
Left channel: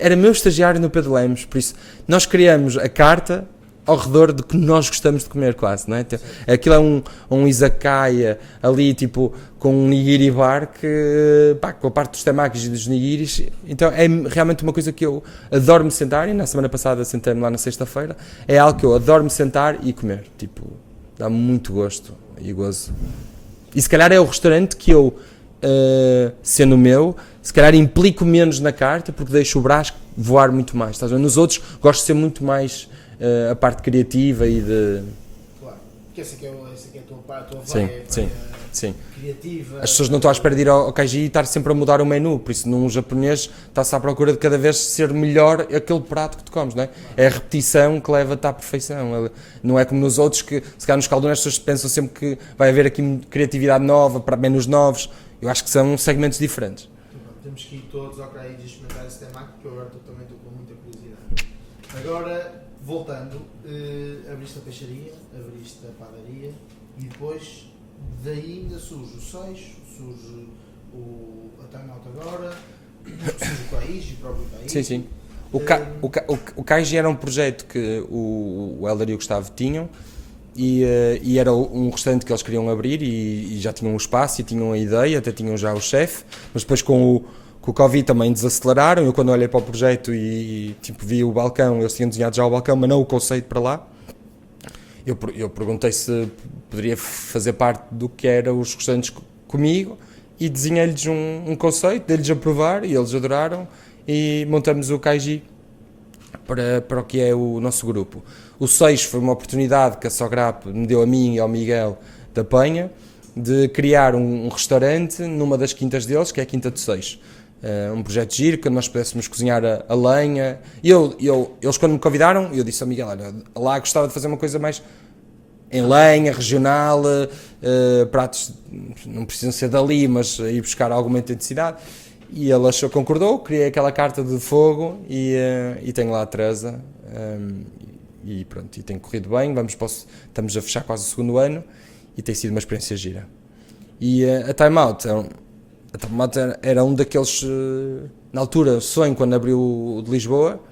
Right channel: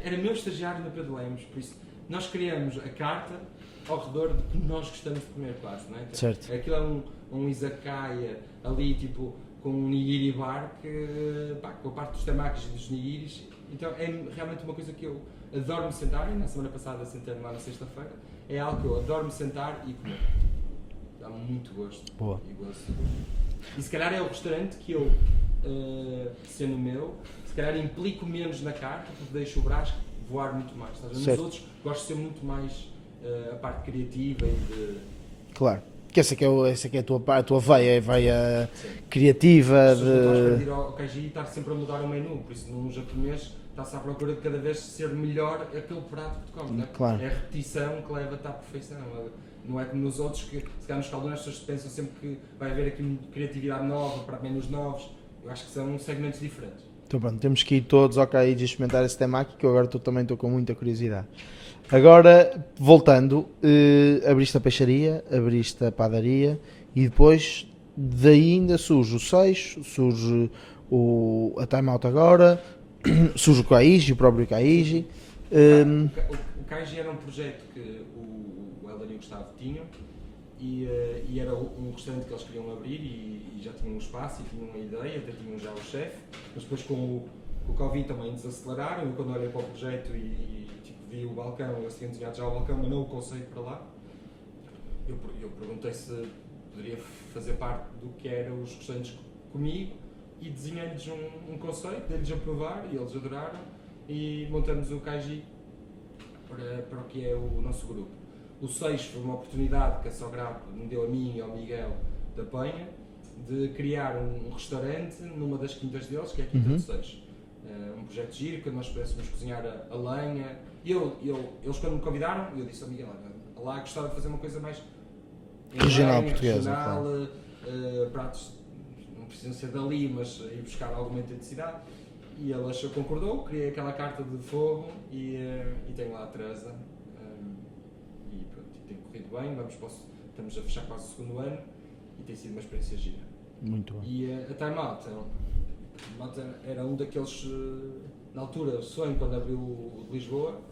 era meu estagiário no Pedro Lemos, por isso nós criamos a carta ao redor do que nós gostamos de comer quase, não é? Certo. Aquilo é um izakaya ali, tipo, com um nigiri bar, que, pá, com a parte dos temakis e dos nigiris, então é realmente uma coisa que eu adoro me sentar, e na semana passada sentei-me lá na sexta-feira, é algo que eu adoro me sentar e comer, tipo, dá-me muito gosto e gozo. E se calhar é o restaurante que eu, sendo meu, se calhar implico menos na carta, porque deixo o Brás voar muito mais. Estás a ver? Nos outros gosto de ser muito mais a parte criativa e de... Claro. Que essa aqui é a tua veia, Sim, veia sim. criativa. As pessoas não estão à espera de ir ao Kaiji e estar sempre a mudar o menu, por isso num japonês está-se à procura de cada vez ser melhor aquele prato que tu comes, não é? Claro. É a repetição que leva-te à perfeição, não é como nos outros que, se calhar nos caldones, as pessoas pensam sempre que vai haver aqui criatividade nova, para menus novos. Eu acho que são segmentos diferentes. Então pronto, temos que ir todos ao Kaiji experimentar esse temaki, que eu agora também estou com muita curiosidade. Agora, voltando, abriste a peixaria, abriste a padaria e depois daí ainda surge o Seixo, surge a Time Out agora, surge o Kaiji, o próprio Kaiji. Sim, sim. O Kaiji era um projeto que o Hélder e o Gustavo tinham e era um restaurante que eles queriam abrir e já tinham o espaço e tinham a ideia, até tinham já o chefe, mas depois com o Covid também desaceleraram. Eu quando olhei para o projeto e tipo, vi o balcão, eles tinham desenhado já o balcão, mas não o conceito para lá. Eu perguntei se poderia fazer parte do que eram os restaurantes comigo e desenhei-lhes um conceito, dei-lhes a provar e eles adoraram e montamos o Kaiji para o que é o nosso grupo. O 6 foi uma oportunidade que a Sograp me deu a mim e ao Miguel da Penha de criar um restaurante numa das quintas deles, que é a Quinta do 6. Um projeto giro, que nós pudéssemos cozinhar a lenha. Eles quando me convidaram, eu disse ao Miguel, olha, lá gostava de fazer uma coisa mais em lenha, regional, pratos não precisam ser dali, mas ir buscar alguma autenticidade. E ele concordou, criei aquela carta de fogo e tenho lá a Teresa. E pronto, e tem corrido bem, estamos a fechar quase o segundo ano e tem sido uma experiência gira. Muito bom. E a Time Out era um daqueles, na altura, sonho quando abriu o de Lisboa.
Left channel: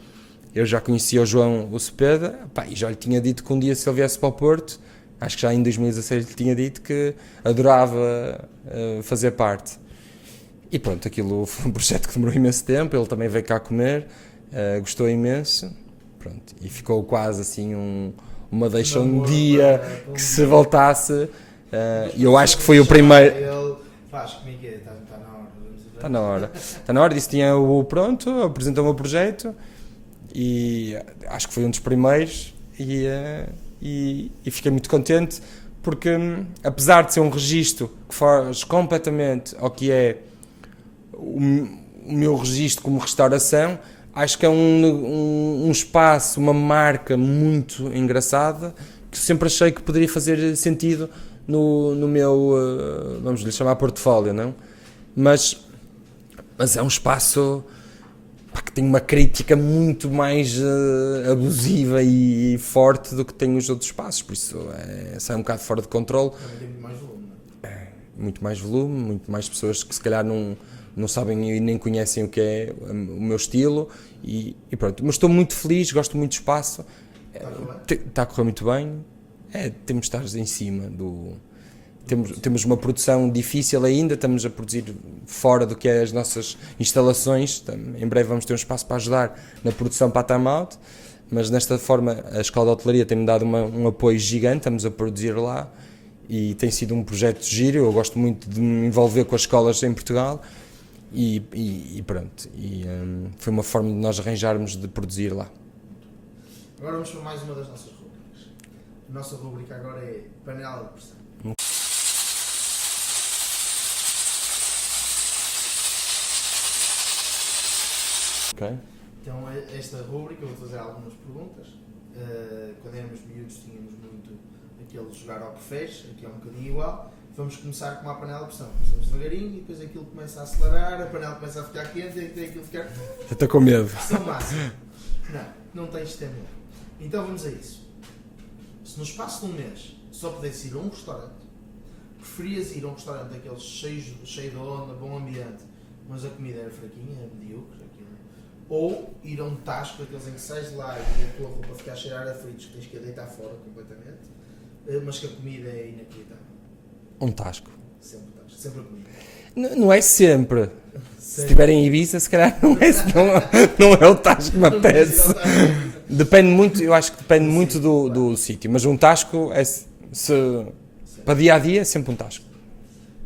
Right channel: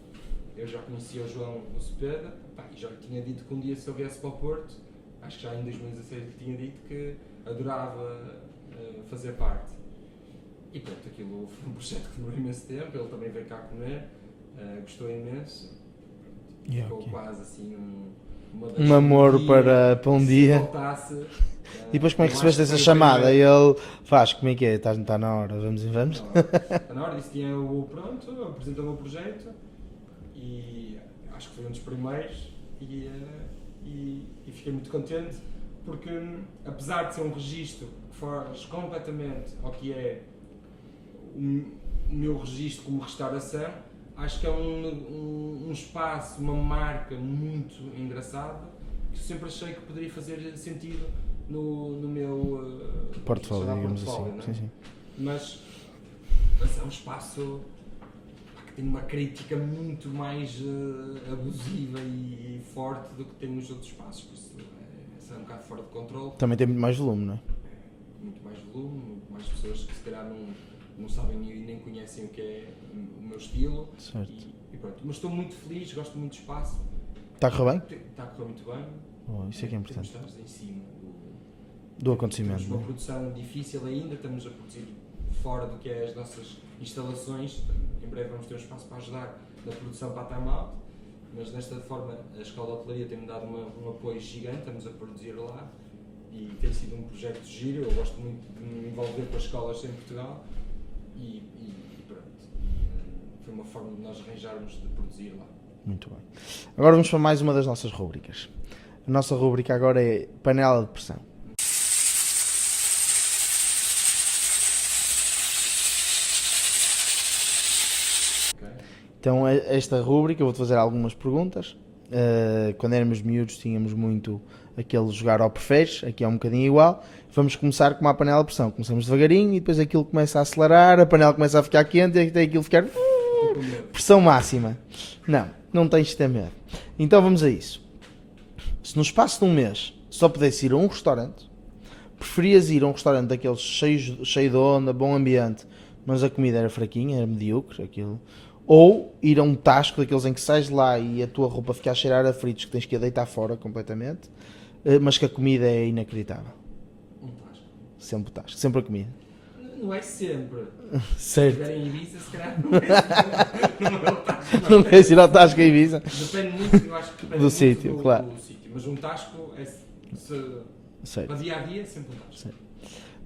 Eu já conhecia o João o Cepeda, e já lhe tinha dito que um dia se ele viesse para o Porto, acho que já em 2016 lhe tinha dito que adorava fazer parte. E pronto, aquilo foi um projeto que demorou imenso tempo, ele também veio cá comer, gostou imenso, pronto, e ficou quase assim uma deixa um dia para um que dia. Se voltasse, eu acho que foi o primeiro. Ele faz, como é que é? Está na hora, vamos em vamos? Está na hora, disse que tinha o pronto, apresentou-me o projeto e acho que foi um dos primeiros e fiquei muito contente porque apesar de ser um registro que foge completamente ao que é o meu registro como restauração, acho que é um espaço, uma marca muito engraçada que sempre achei que poderia fazer sentido no meu, vamos lhe chamar portfólio, não? Mas é um espaço que tem uma crítica muito mais abusiva e forte do que tem os outros espaços, por isso sai um bocado fora de controle. Também tem muito mais volume, não é? Muito mais volume, muito mais pessoas que se calhar não sabem e nem conhecem o que é o meu estilo e pronto, mas estou muito feliz, gosto muito do espaço. Está a correr bem? Está a correr muito bem. Temos de estar em cima temos uma produção difícil ainda, estamos a produzir fora do que é as nossas instalações. Em breve vamos ter um espaço para ajudar na produção para a Time Out, mas desta forma a Escola de Hotelaria tem-me dado um apoio gigante, estamos a produzir lá e tem sido um projeto giro. Eu gosto muito de me envolver com as escolas em Portugal e pronto, foi uma forma de nós arranjarmos de produzir lá. Muito bem. Agora vamos para mais uma das nossas rúbricas. A nossa rúbrica agora é panela de pressão. Okay. Então esta rúbrica eu vou-te fazer algumas perguntas. Quando éramos miúdos tínhamos muito aquele jogar ao preferes, aqui é um bocadinho igual. Vamos começar com uma panela de pressão. Começamos devagarinho e depois aquilo começa a acelerar, a panela começa a ficar quente e até aquilo ficar... Estou com medo. Pressão máxima. Não tens de ter medo. Então vamos a isso. Se no espaço de um mês só pudesse ir a um restaurante, preferias ir a um restaurante daqueles cheio de onda, bom ambiente, mas a comida era fraquinha, era medíocre, aquilo, ou ir a um tasco daqueles em que sais de lá e a tua roupa fica a cheirar a fritos que tens que a deitar fora completamente, mas que a comida é inacreditável? Um tasco. Sempre o tasco, sempre a comida. Não é sempre. Se estiver em Ibiza, se calhar não é o tasco que me Não tens apetece. de ir ao tasco de Ibiza. Depende muito, eu acho que depende Do muito sítio, claro. do sítio, mas um tasco para dia a dia é sempre um tasco.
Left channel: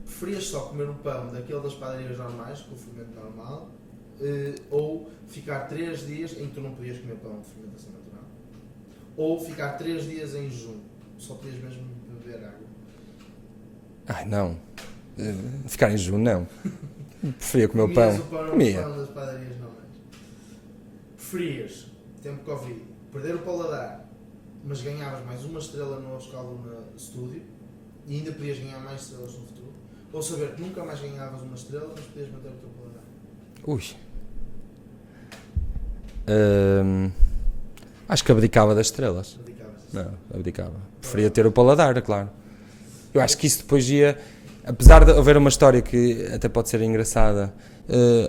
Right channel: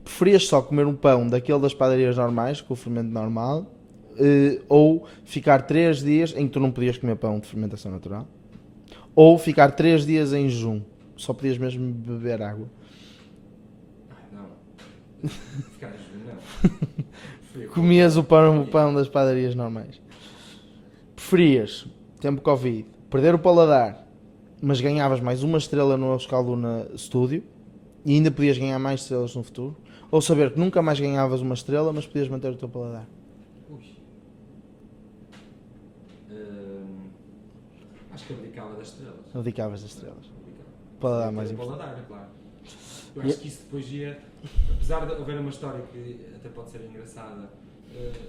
Preferias só comer um pão daquele das padarias normais, com o fermento normal, ou ficar 3 dias em que tu não podias comer pão de fermentação natural, ou ficar 3 dias em jejum, só podias mesmo beber água? Ai, não. Ficar em jejum, não. Preferia comer Comias o pão. o pão das padarias normais. Preferias, tempo Covid, perder o paladar, mas ganhavas mais uma estrela no Escalduna Studio e ainda podias ganhar mais estrelas no futuro, ou saber que nunca mais ganhavas uma estrela, mas podias manter o teu paladar? Ui. Acho que abdicava das estrelas. Abdicavas das estrelas? Não, abdicava. Preferia ter o paladar, é claro. Eu acho que isso depois ia... Apesar de haver uma história que até pode ser engraçada,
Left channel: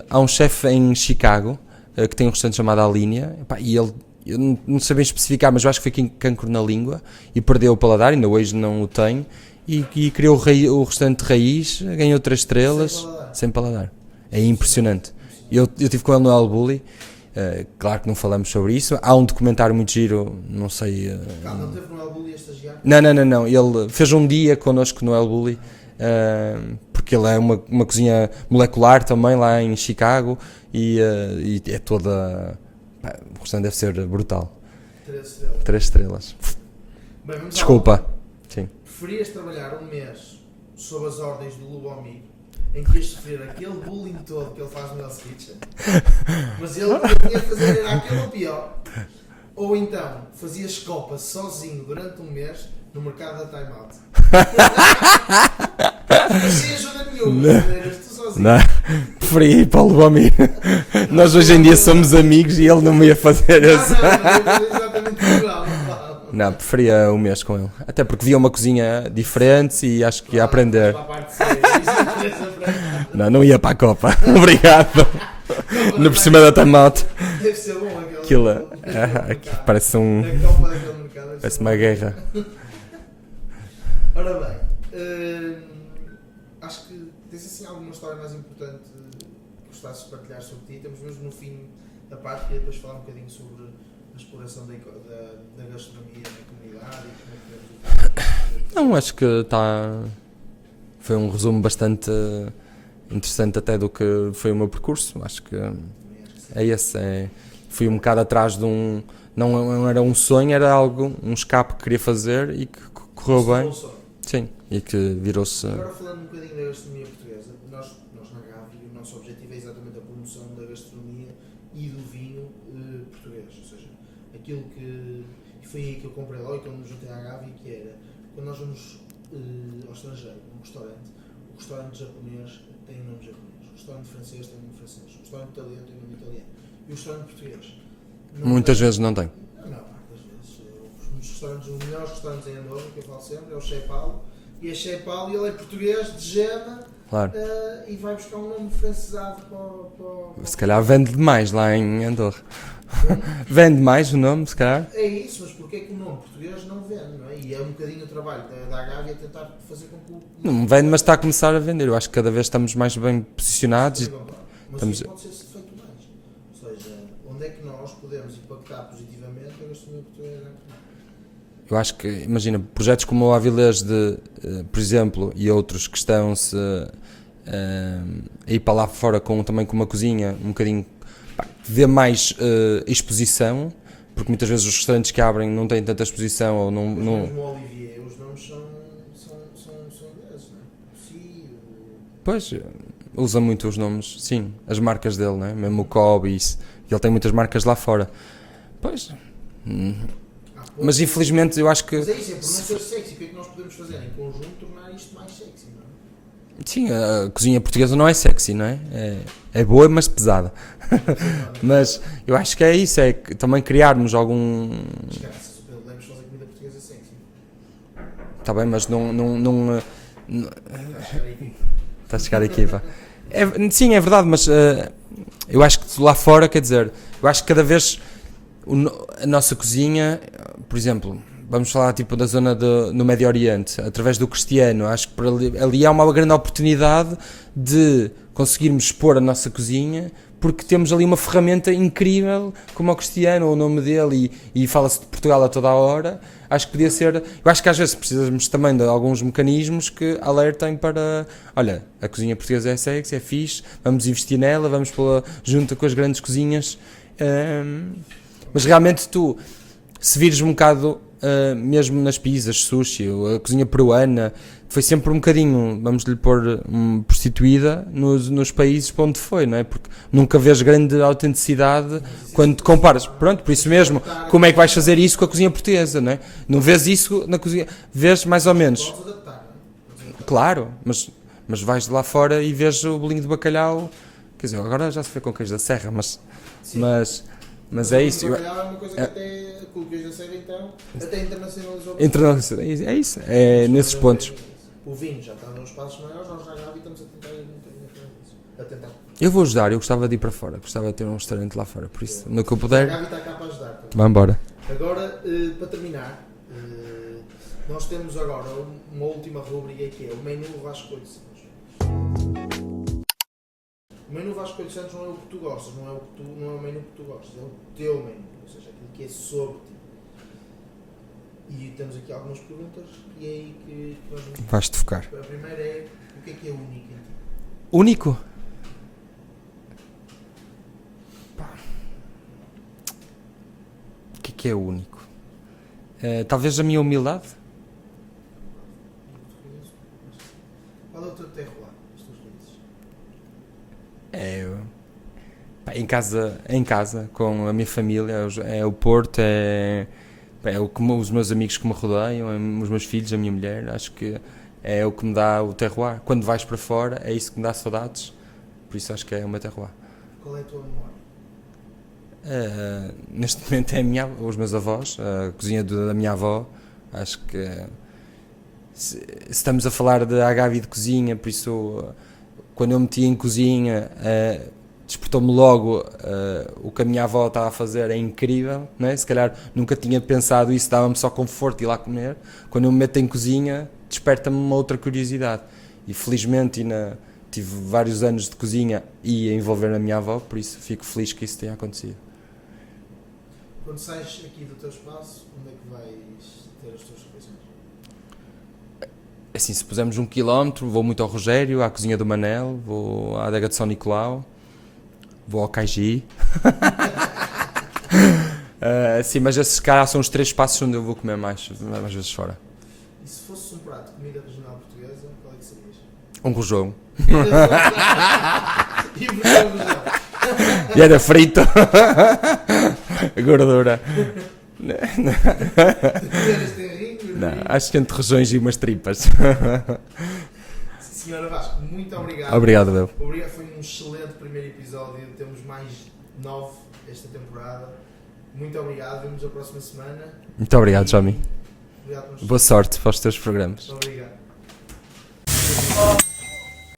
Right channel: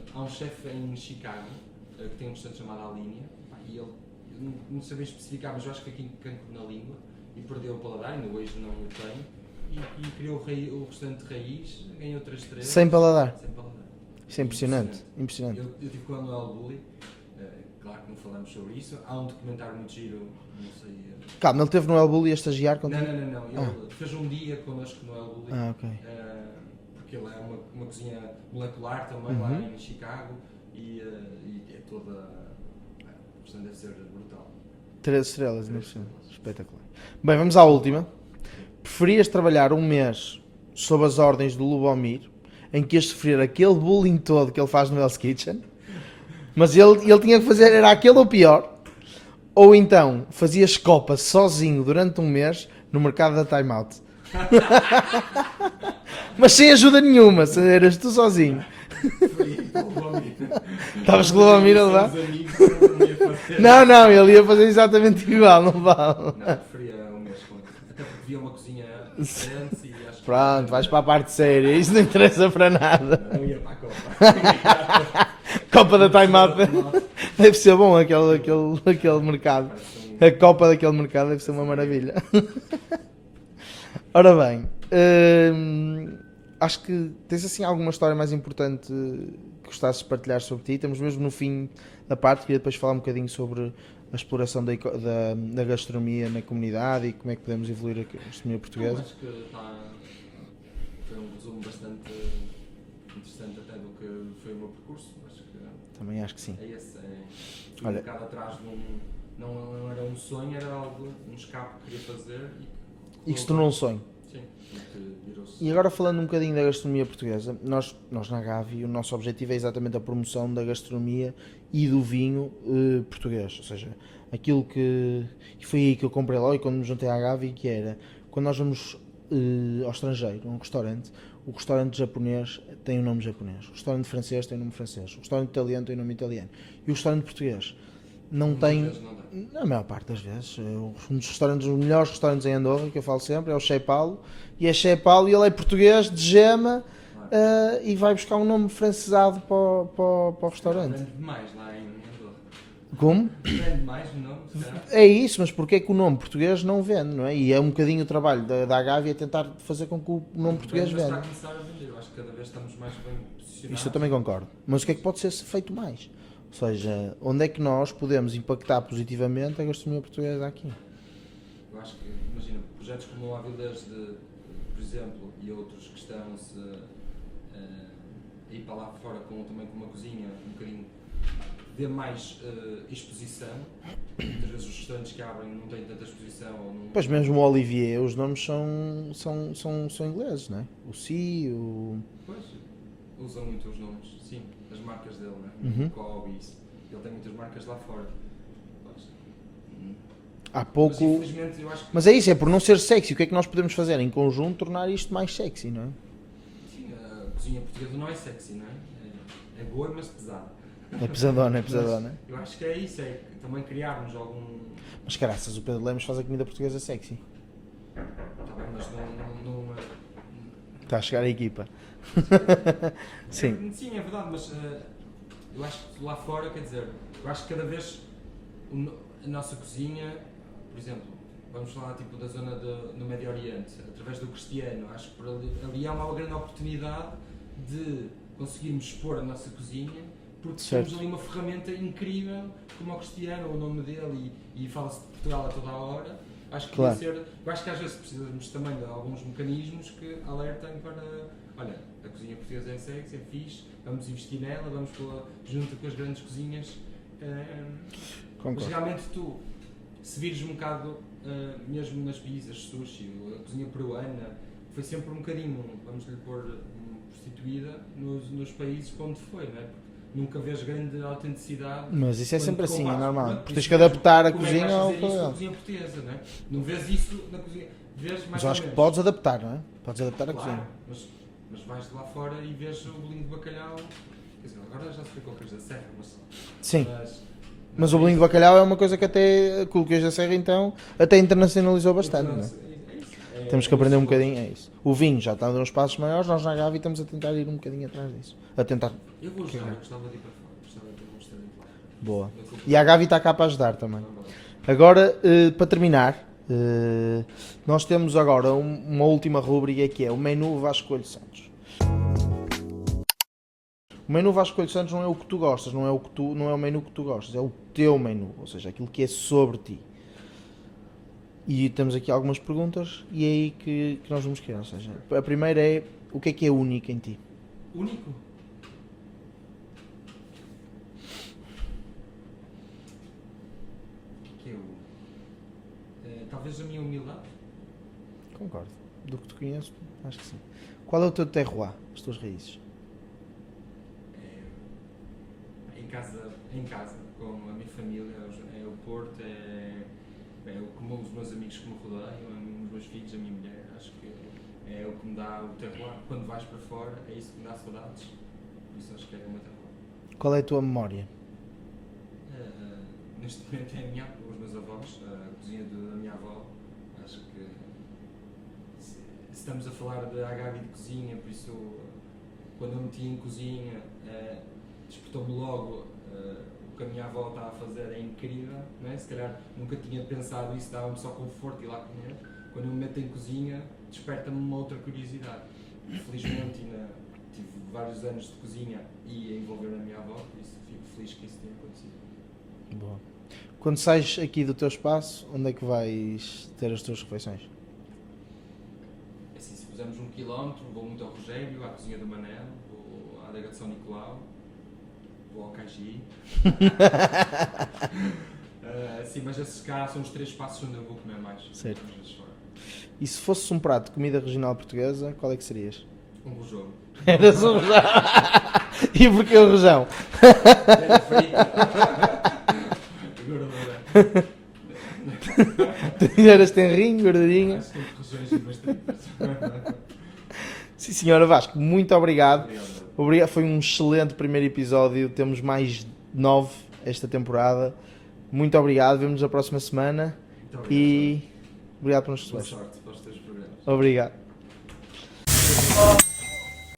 há um chefe em Chicago que tem um restaurante chamado A Linha, epá, e ele, eu não sei bem especificar, mas eu acho que foi cancro na língua e perdeu o paladar, ainda hoje não o tem, e criou o restaurante de raiz, ganhou 3 estrelas. Sem paladar. É impressionante. Eu tive com ele no El Bulli. Claro que não falamos sobre isso. Há um documentário muito giro, não sei. Calma, ele esteve no El Bulli a estagiar? Não. Ele fez um dia connosco no El Bulli, Okay. porque ele é uma cozinha molecular também lá em Chicago e é toda. O restaurante deve ser brutal. 3 estrelas. 3 estrelas. Bem, vamos Desculpa. à última. Sim. Preferias trabalhar um mês sob as ordens do Lubomir, em que ias sofrer aquele bullying todo que ele faz no Hell's Kitchen, mas ele tinha que fazer, era aquele ou pior, ou então fazias copa sozinho durante um mês no mercado da Time Out. Mas sem ajuda nenhuma, eras tu sozinho. Preferi ir para o Lubomir. Nós hoje em dia somos amigos e ele não me ia fazer Não, isso. ele ia fazer exatamente igual, não vale. Não, preferia um mês com ele. Até porque via uma cozinha diferente e acho que ia aprender. Vais para a parte séria, isso não interessa para nada. Não ia para a Copa. Obrigado. Copa da Por cima da Time Out. Deve ser bom aquele mercado. Parece A Copa daquele mercado deve parece ser uma guerra. Ora bem, acho que tens assim alguma história mais importante que gostasses de partilhar sobre ti. Estamos mesmo no fim da parte, queria depois falar um bocadinho sobre a exploração da gastronomia na comunidade e como é que podemos evoluir aqui na gastronomia portuguesa. Não, acho que foi um resumo bastante interessante até do que foi o meu percurso. Acho que Também acho que sim. é esse. Fui um bocado atrás de um... Não era um sonho, era algo, um escape que queria fazer e que correu Isso não é bem. um sonho. Sim, e que virou-se... E agora falando um bocadinho da gastronomia portuguesa, nós na Gavi, o nosso objetivo é exatamente a promoção da gastronomia e do vinho português, ou seja, aquilo que... E foi aí que eu comprei lá e quando me juntei à Gavi, que era, quando nós vamos ao estrangeiro, a um restaurante, o restaurante japonês tem um nome japonês, o restaurante francês tem um nome francês, o restaurante italiano tem um nome italiano, e o restaurante português não Muitas tem, vezes não tem. na maior parte das vezes. Um dos restaurantes, os melhores restaurantes em Andorra, que eu falo sempre, é o Che Paulo, e é Che Paulo e ele é português, de Gema, Claro. e vai buscar um nome francesado para o Se calhar vende demais lá em Andorra. Como? Vende mais o nome, se calhar. É isso, mas porquê é que o nome português não vende, não é? E é um bocadinho o trabalho da Agave a tentar fazer com que o nome Não vende, mas está a venda. começar a vender. Eu acho que cada vez estamos mais bem Eu posicionados. também concordo. Mas o que é que pode ser feito mais? Ou seja, onde é que nós podemos impactar positivamente a gastronomia portuguesa aqui? Eu acho que, imagina, projetos como o Avilés, por exemplo, e outros que estão-se a ir para lá fora também com uma cozinha um bocadinho que dê mais exposição, porque muitas vezes os restaurantes que abrem não têm tanta exposição ou não... Pois não... mesmo o Olivier, os nomes são ingleses, não é? O Si, o... Pois, usa muito os nomes, sim, as marcas dele, não é? Mesmo Uhum. o Kobe, isso. Ele tem muitas marcas lá fora. Pois... Há pouco... Mas infelizmente eu acho que... Mas é isso, é por não ser sexy. O que é que nós podemos fazer em conjunto tornar isto mais sexy, não é? Sim, a cozinha portuguesa não é sexy, não é? É boa, mas pesada. É pesadona, é Mas pesadona. eu acho que é isso, é que também criarmos algum... Mas graças, o Pedro Lemos faz a comida portuguesa sexy. Está bem, mas não Está a chegar a equipa. está a chegar a equipa. Sim, é verdade, mas eu acho que lá fora, quer dizer, eu acho que cada vez a nossa cozinha, por exemplo, vamos falar tipo da zona no Médio Oriente, através do Cristiano, acho que por ali há uma grande oportunidade de conseguirmos expor a nossa cozinha, porque Sim. temos ali uma ferramenta incrível, como o Cristiano, o nome dele, e fala-se de Portugal a toda a hora. Acho que podia ser. Eu acho que às vezes precisamos também de alguns mecanismos que alertem para. Olha, a cozinha portuguesa é sexy, é fixe, vamos investir nela, vamos pô-la junto com as grandes cozinhas. Mas realmente tu, se vires um bocado, mesmo nas pizzas, sushi, a cozinha peruana, foi sempre um bocadinho, vamos lhe pôr, prostituída nos países para onde foi, não é? Porque nunca vês grande autenticidade Mas isso é quando sempre te comparas. assim, normal. Pronto, por Tens isso que mesmo, adaptar a como é que vais cozinha fazer ao isso com a teu- cozinha portuguesa, não é? Não vês isso na cozinha, vês mais ou Mas menos. Podes adaptar, não é? Podes adaptar. Claro, mas vais de lá fora e vês o bolinho de bacalhau, quer dizer, agora já se vê com queijo da serra, mas Sim. Mas Mas é o vinho isso. de bacalhau é uma coisa que até, com o queijo da serra então, até internacionalizou bastante. É isso, Temos que nesses aprender um pontos. bocadinho, é isso. O vinho já está a dar uns passos maiores, nós na Gavi estamos a tentar ir um bocadinho atrás disso. a tentar. Eu vou ajudar, eu gostava de ir para fora, gostava de ter um restaurante lá fora, por isso, Boa. no que eu E a puder. Gavi está cá para ajudar também. Vamos embora. Agora, para terminar, nós temos agora uma última rúbrica que é o menu Vasco Coelho Santos. O menu Vasco Coelho Santos não é o que tu gostas, não é o menu que tu gostas, é o teu menu, ou seja, aquilo que é sobre ti. E temos aqui algumas perguntas e é aí que nós vamos querer. Vais-te focar. A primeira é, o que é único em ti? Único? O que é único? Talvez a minha humildade? Concordo. Do que te conheço, acho que sim. Qual é o teu terroir, as tuas raízes? Em casa, com a minha família, é o Porto, é os meus amigos que me rodeiam, os meus filhos, a minha mulher, acho que é o que me dá o terroir. Quando vais para fora, é isso que me dá saudades, por isso acho que é o meu terroir. Qual é a tua memória? Neste momento é os meus avós, a cozinha da minha avó, acho que se estamos a falar de Gavi de cozinha, por isso quando eu meti em cozinha despertou-me logo o que a minha avó estava a fazer, é incrível, não é? Se calhar nunca tinha pensado isso, dava-me só conforto ir lá comer. Quando eu me meto em cozinha desperta-me uma outra curiosidade e felizmente tive vários anos de cozinha e a envolver a minha avó, por isso fico feliz que isso tenha acontecido. Boa. Quando sais aqui do teu espaço, onde é que vais ter as tuas refeições? Assim, se pusermos 1 km, vou muito ao Rogério, à cozinha do Manel, vou à adega de São Nicolau, vou ao Caigi. Sim, mas esses caras são os 3 espaços onde eu vou comer mais vezes fora. E se fosse um prato de comida regional portuguesa, qual é que serias? Um rojão. E porquê o rojão? E era frito. Gordura. Eras tenrinho, gordurinho. Acho que entre rojões e umas tripas. Sim, senhora Vasco, muito obrigado. Obrigado, meu. Obrigado. Foi um excelente primeiro episódio. Temos mais 9 esta temporada. Muito obrigado. Vemo-nos a próxima semana. Muito obrigado, Johnny. Obrigado por nos Boa sorte para os teus programas. Obrigado.